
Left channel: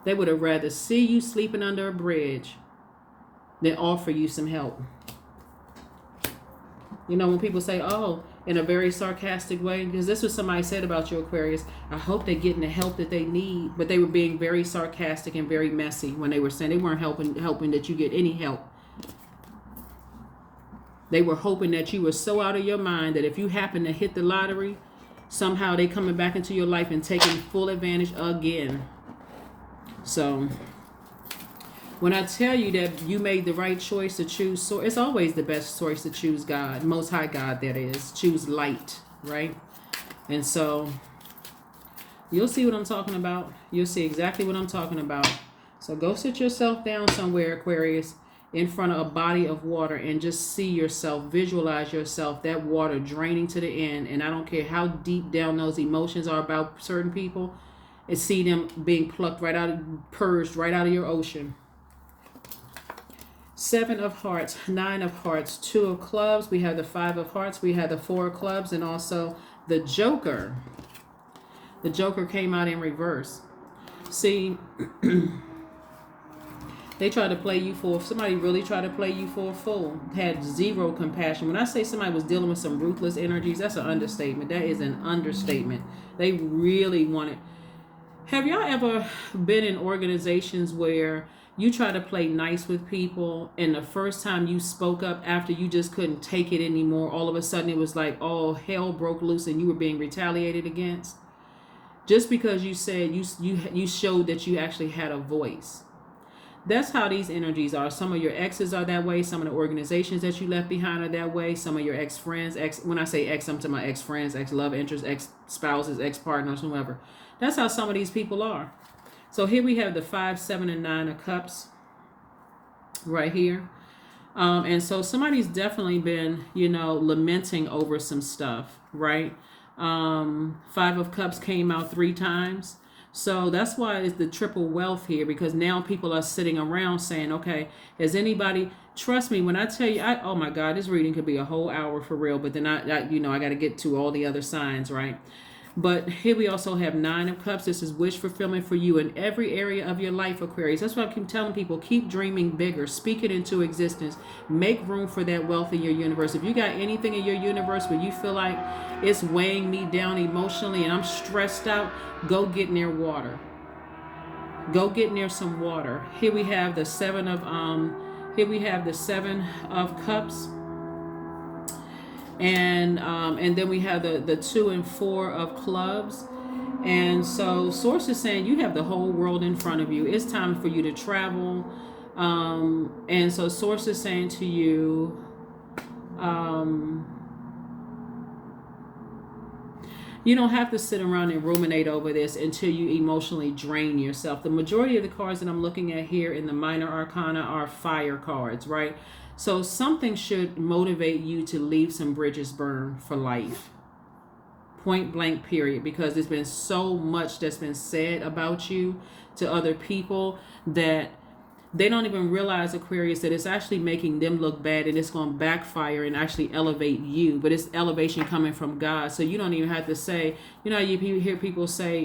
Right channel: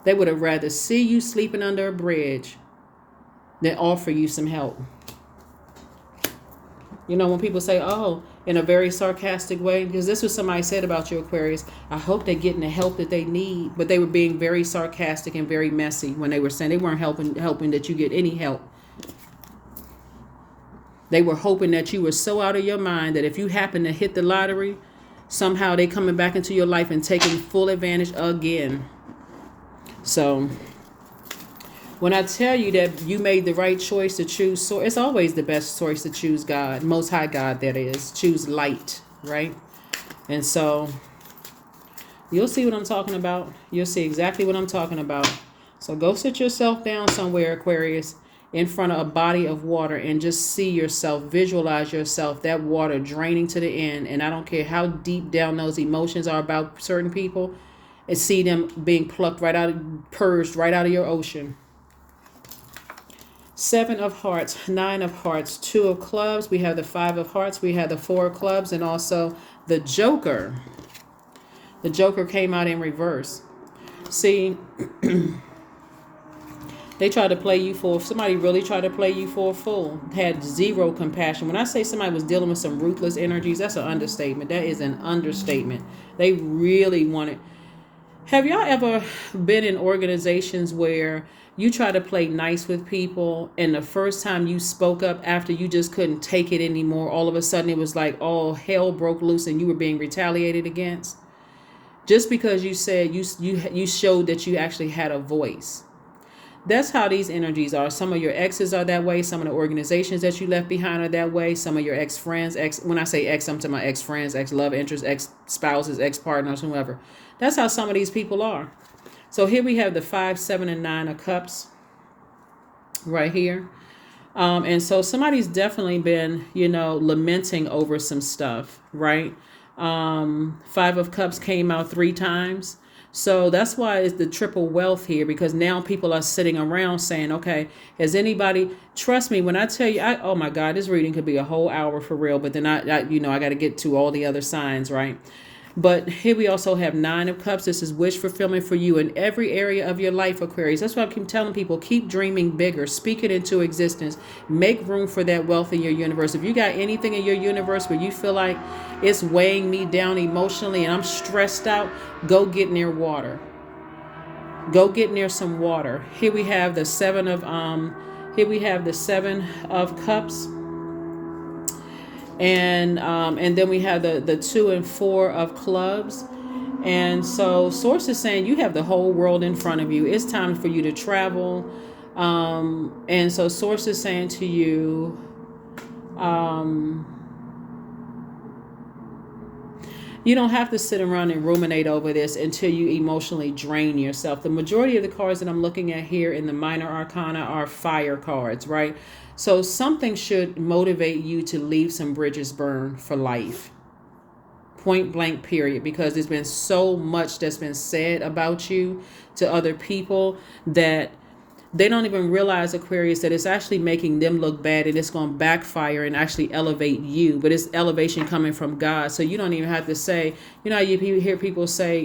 They would have rather see you sleeping under a bridge than offer you some help. You know, when people say, oh, in a very sarcastic way, because this was somebody said about you, Aquarius, I hope they're getting the help that they need. But they were being very sarcastic and very messy when they were saying they weren't helping that you get any help. They were hoping that you were so out of your mind that if you happen to hit the lottery, somehow they coming back into your life and taking full advantage again. So when I tell you that you made the right choice to choose, so it's always the best choice to choose God, Most High God, that is. Choose light, right? And so you'll see what I'm talking about. You'll see exactly what I'm talking about. So go sit yourself down somewhere, Aquarius, in front of a body of water and just see yourself, visualize yourself, that water draining to the end. And I don't care how deep down those emotions are about certain people, and see them being plucked right out, purged right out of your ocean. 7 of hearts, 9 of hearts, 2 of clubs. We have the 5 of hearts. We have the 4 of clubs, and also the Joker. The Joker came out in reverse. See, they tried to play you for, somebody really tried to play you for a fool. Had zero compassion. When I say somebody was dealing with some ruthless energies, that's an understatement. That is an understatement. They really wanted. Have y'all ever been in organizations where you try to play nice with people, and the first time you spoke up after you just couldn't take it anymore, all of a sudden it was like all hell broke loose and you were being retaliated against? Just because you said you showed that you actually had a voice. That's how these energies are. Some of your exes are that way. Some of the organizations that you left behind are that way. Some of your ex-friends, when I say ex, I'm talking about ex-friends, ex-love interests, ex-spouses, ex-partners, whoever. That's how some of these people are. So here we have the 5, 7, and 9 of cups right here. And so somebody's definitely been, lamenting over some stuff, right? 5 of cups came out 3 times. So that's why it's the triple wealth here, because now people are sitting around saying, okay, has anybody, trust me, when I tell you, oh my God, this reading could be a whole hour for real, but then I got to get to all the other signs, right? But here we also have 9 of cups. This is wish fulfillment for you in every area of your life, Aquarius. That's why I keep telling people, keep dreaming bigger, speak it into existence, make room for that wealth in your universe. If you got anything in your universe where you feel like it's weighing me down emotionally and I'm stressed out, go get near water. Go get near some water. Here we have the 7 of cups. And then we have the 2 and 4 of clubs. And so Source is saying you have the whole world in front of you. It's time for you to travel. And so Source is saying to you, you don't have to sit around and ruminate over this until you emotionally drain yourself. The majority of the cards that I'm looking at here in the minor arcana are fire cards, right? So something should motivate you to leave some bridges burned for life. Point blank, period. Because there's been so much that's been said about you to other people that they don't even realize, Aquarius, that it's actually making them look bad, and it's going to backfire and actually elevate you. But it's elevation coming from God. So you don't even have to say, you hear people say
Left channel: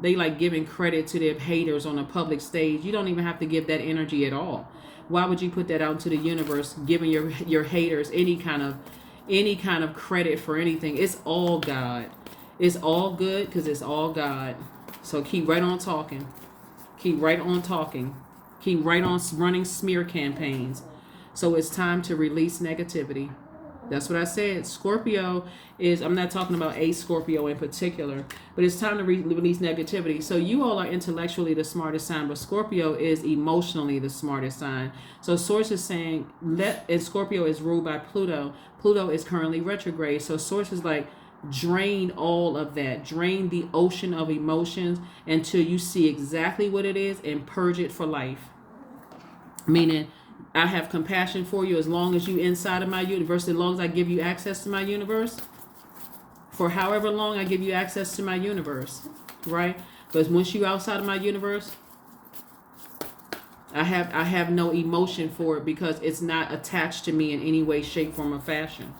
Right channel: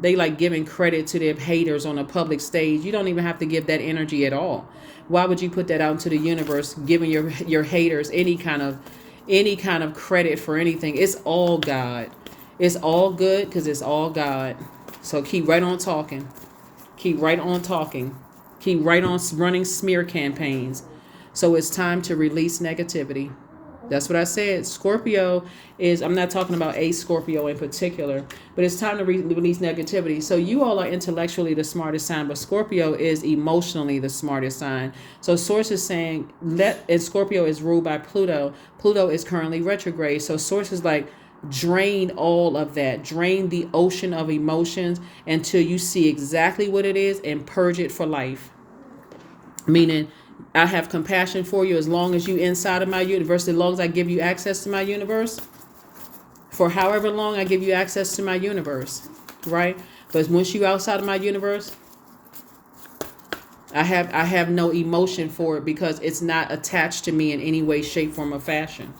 they like giving credit to their haters on a public stage. You don't even have to give that energy at all. Why would you put that out into the universe, giving your haters any kind of credit for anything? It's all God. It's all good because it's all God. So keep right on talking. Keep right on talking. Keep right on running smear campaigns. So it's time to release negativity. That's what I said. Scorpio is, I'm not talking about a Scorpio in particular, but it's time to release negativity. So you all are intellectually the smartest sign, but Scorpio is emotionally the smartest sign. So Source is saying, and Scorpio is ruled by Pluto. Pluto is currently retrograde. So Source is like, drain all of that. Drain the ocean of emotions until you see exactly what it is and purge it for life. Meaning, I have compassion for you as long as you inside of my universe, as long as I give you access to my universe. For however long I give you access to my universe, right? But once you outside of my universe, I have no emotion for it because it's not attached to me in any way, shape, form, or fashion.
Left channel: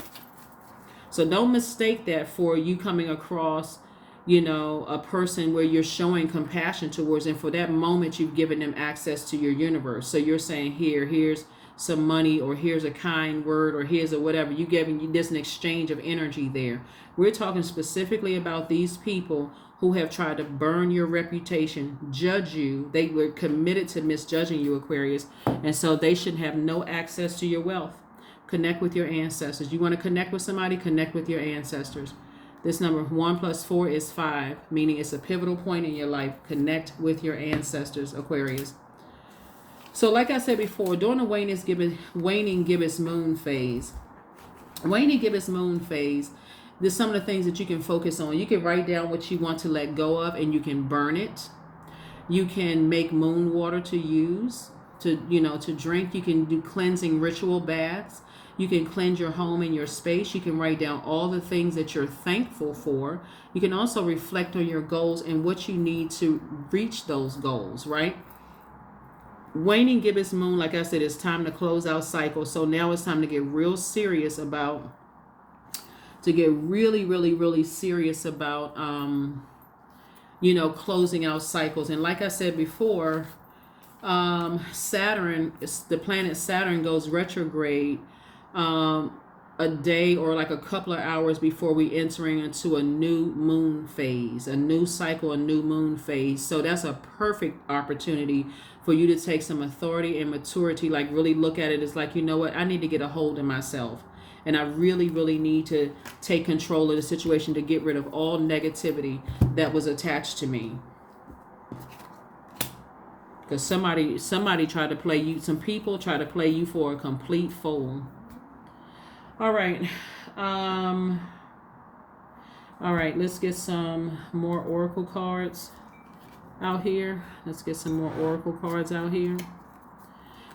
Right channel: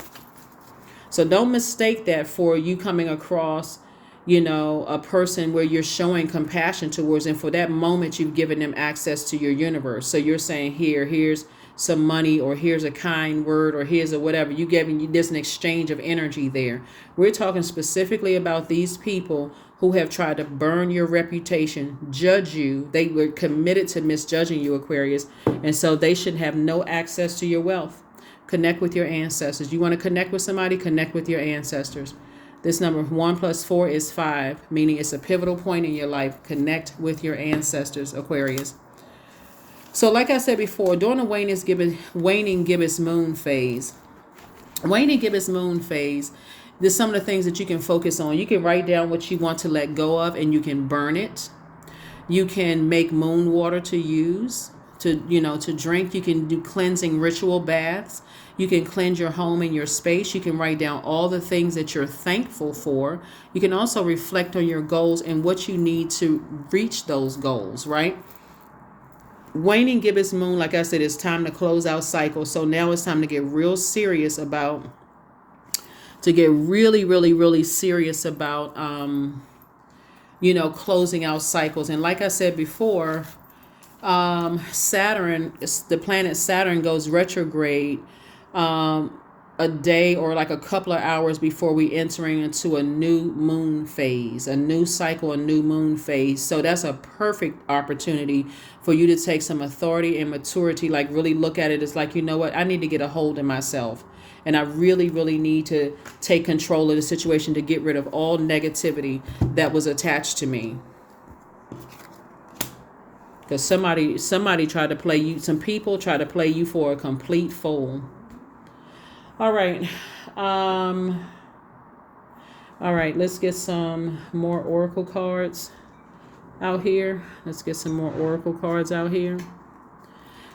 So don't mistake that for you coming across, a person where you're showing compassion towards, and for that moment you've given them access to your universe. So you're saying, here's some money, or here's a kind word, or here's a whatever. There's an exchange of energy there. We're talking specifically about these people who have tried to burn your reputation, judge you. They were committed to misjudging you, Aquarius, and so they should have no access to your wealth. Connect with your ancestors. You want to connect with somebody? Connect with your ancestors. This number 1 + 4 is 5, meaning it's a pivotal point in your life. Connect with your ancestors, Aquarius. So like I said before, during the waning gibbous moon phase, there's some of the things that you can focus on. You can write down what you want to let go of, and you can burn it. You can make moon water to use, to drink. You can do cleansing ritual baths. You can cleanse your home and your space. You can write down all the things that you're thankful for. You can also reflect on your goals and what you need to reach those goals, right? Waning gibbous moon, like I said, it's time to close out cycles. So now it's time to get real serious about, really, really, really serious about, closing out cycles. And like I said before, Saturn, the planet Saturn goes retrograde a day or like a couple of hours before we entering into a new moon phase, a new cycle, a new moon phase. So that's a perfect opportunity for you to take some authority and maturity, like really look at it as like, you know what, I need to get a hold of myself. And I really, really need to take control of the situation to get rid of all negativity that was attached to me. Because somebody tried to play you, some people try to play you for a complete fool. All right. All right, let's get some more oracle cards out here.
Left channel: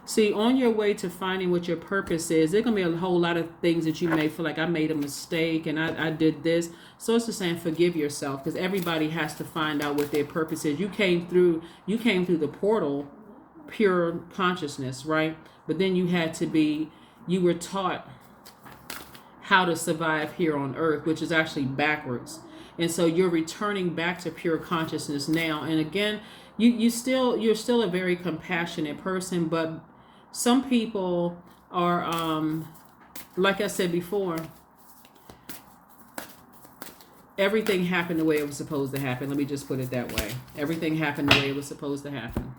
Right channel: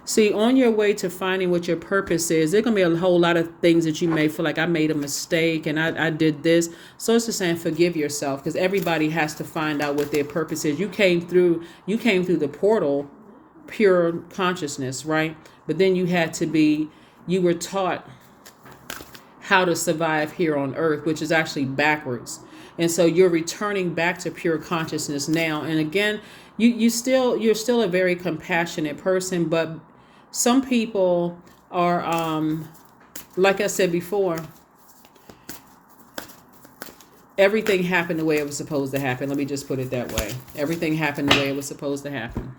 See, on your way to finding what your purpose is, there's going to be a whole lot of things that you may feel like I made a mistake and I did this. So it's just saying forgive yourself, because everybody has to find out what their purpose is. You came through the portal, pure consciousness, right? But then you were taught how to survive here on earth, which is actually backwards. And so you're returning back to pure consciousness now. And again, you're still a very compassionate person, but some people are, like I said before, everything happened the way it was supposed to happen. Let me just put it that way. Everything happened the way it was supposed to happen.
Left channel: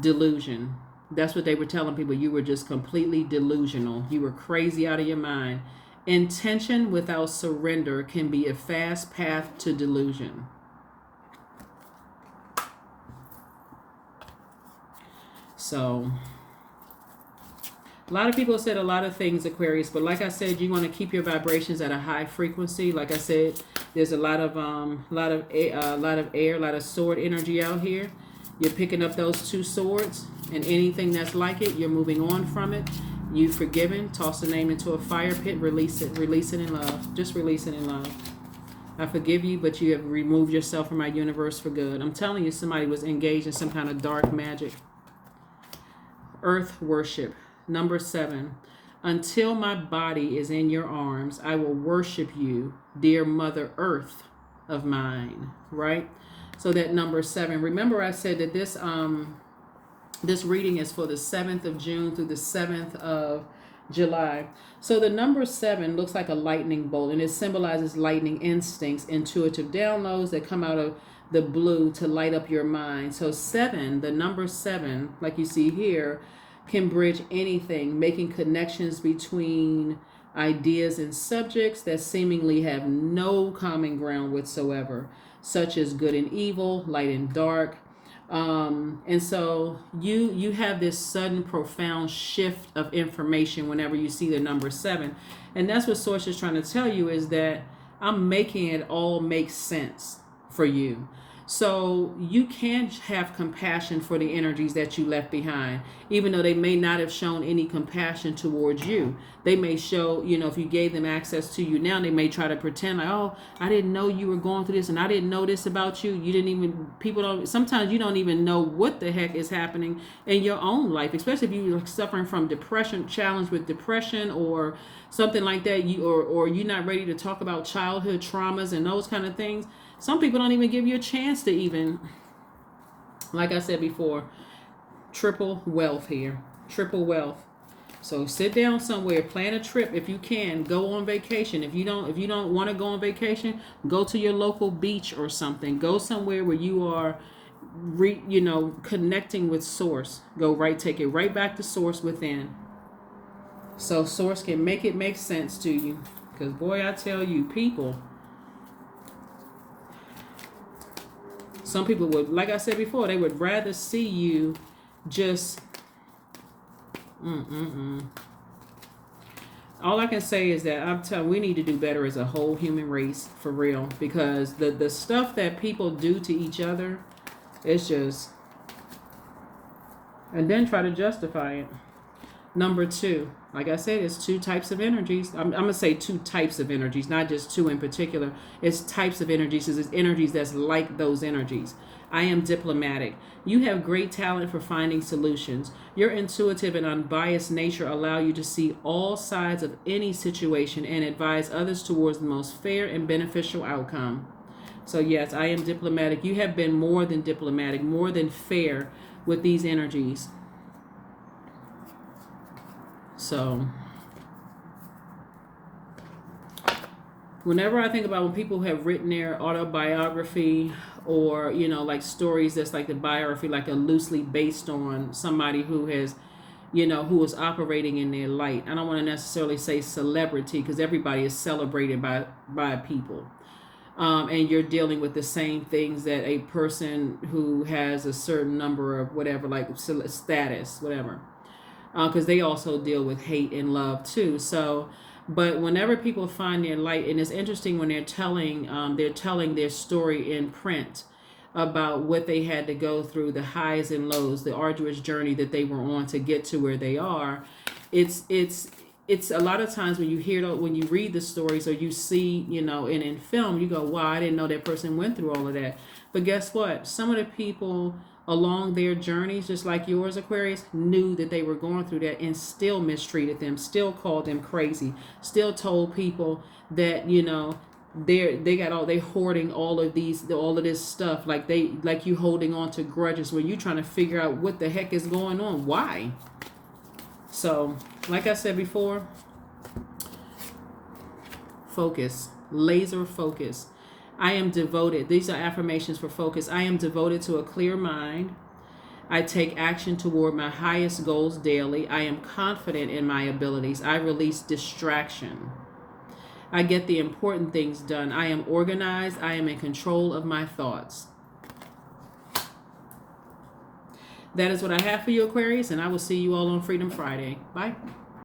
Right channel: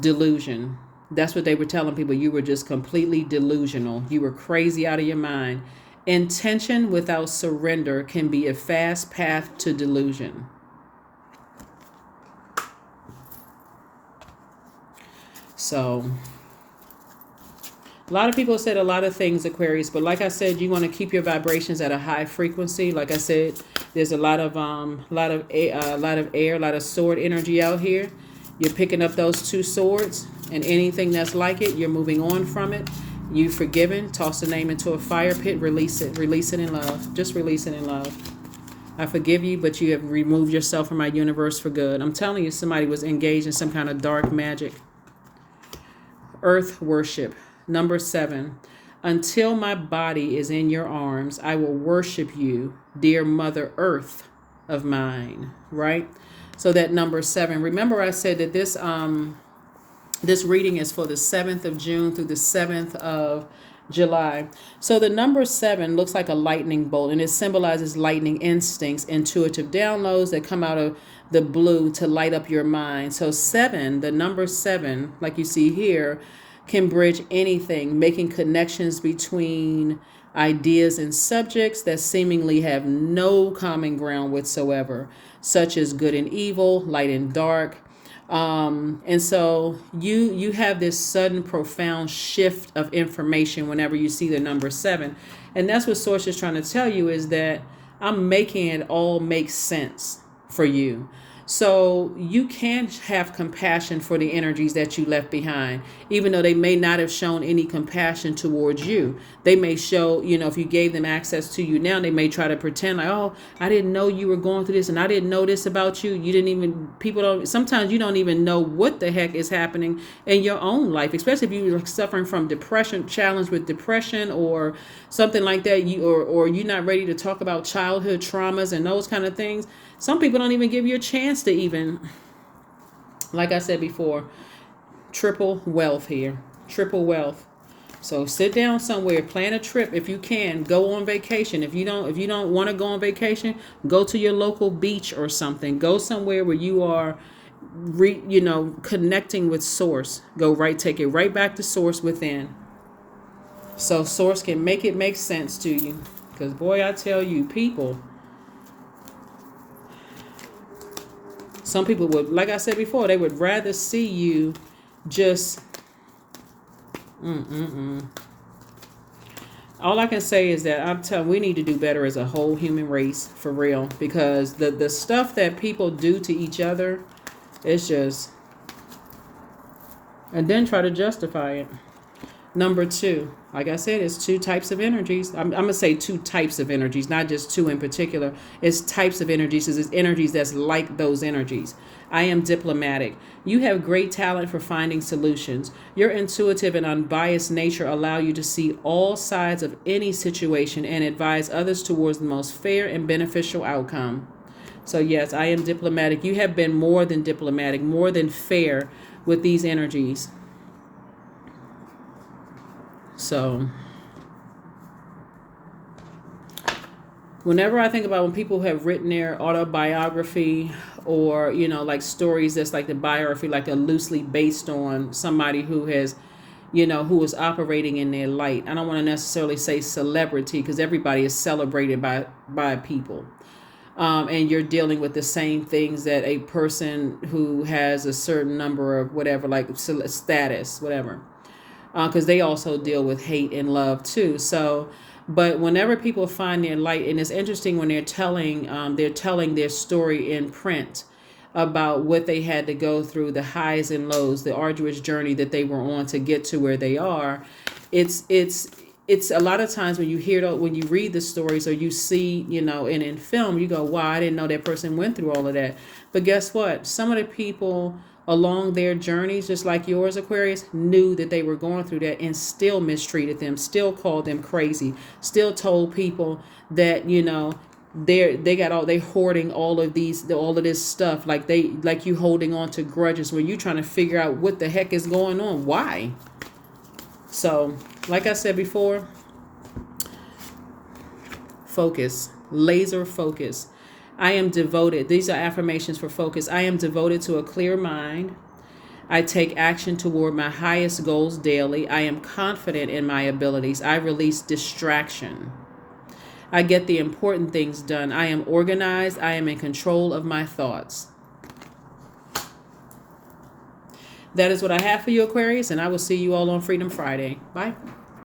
Delusion. That's what they were telling people. You were just completely delusional. You were crazy out of your mind. Intention without surrender can be a fast path to delusion. So, a lot of people said a lot of things, Aquarius, but like I said, you want to keep your vibrations at a high frequency. Like I said, there's a lot of air, a lot of sword energy out here. You're picking up those 2 swords, and anything that's like it, you're moving on from it. You've forgiven. Toss the name into a fire pit. Release it in love. Just release it in love. I forgive you, but you have removed yourself from my universe for good. I'm telling you, somebody was engaged in some kind of dark magic. Earth worship. Number 7. Until my body is in your arms, I will worship you, dear Mother Earth of mine. Right? So that number 7. Remember I said that this reading is for the 7th of June through the 7th of July. So the number 7 looks like a lightning bolt, and it symbolizes lightning instincts, intuitive downloads that come out of the blue to light up your mind. So 7, the number 7, like you see here, can bridge anything, making connections between ideas and subjects that seemingly have no common ground whatsoever, such as good and evil, light and dark. And so you have this sudden profound shift of information whenever you see the number 7. And that's what Source is trying to tell you, is that I'm making it all make sense for you. So you can have compassion for the energies that you left behind, even though they may not have shown any compassion towards you. They may show, if you gave them access to you now, they may try to pretend like, oh, I didn't know you were going through this, and I didn't know this about you. You didn't even, people don't, sometimes you don't even know what the heck is happening in your own life, especially if you're suffering from depression, challenged with depression or something like that, or you're not ready to talk about childhood traumas and those kind of things. Some people don't even give you a chance to even, like I said before, triple wealth here. Triple wealth. So sit down somewhere, plan a trip if you can, go on vacation. If you don't want to go on vacation, go to your local beach or something. Go somewhere where you are connecting with Source. Take it right back to Source within. So Source can make it make sense to you. Because boy, I tell you, some people would, like I said before, they would rather see you just, All I can say is that I'm telling, we need to do better as a whole human race, for real. Because the stuff that people do to each other, it's just, and then try to justify it. Number 2, like I said, it's 2 types of energies. I'm going to say 2 types of energies, not just 2 in particular. It's types of energies. It's energies that's like those energies. I am diplomatic. You have great talent for finding solutions. Your intuitive and unbiased nature allow you to see all sides of any situation and advise others towards the most fair and beneficial outcome. So yes, I am diplomatic. You have been more than diplomatic, more than fair with these energies. So whenever I think about when people have written their autobiography or, like stories that's like the biography, like a loosely based on somebody who has, who is operating in their light. I don't want to necessarily say celebrity, because everybody is celebrated by people. And you're dealing with the same things that a person who has a certain number of whatever, like status, whatever. Because they also deal with hate and love too. So, but whenever people find their light, and it's interesting when they're telling their story in print about what they had to go through, the highs and lows, the arduous journey that they were on to get to where they are. It's a lot of times when you read the stories or you see, and in film, you go, wow, I didn't know that person went through all of that. But guess what? Some of the people along their journeys, just like yours, Aquarius, knew that they were going through that and still mistreated them, still called them crazy, still told people that, they hoarding all of this stuff, like you holding on to grudges when you're trying to figure out what the heck is going on. Why? So, like I said before, focus, laser focus. I am devoted. These are affirmations for focus. I am devoted to a clear mind. I take action toward my highest goals daily. I am confident in my abilities. I release distraction. I get the important things done. I am organized. I am in control of my thoughts. That is what I have for you, Aquarius, and I will see you all on Freedom Friday. Bye.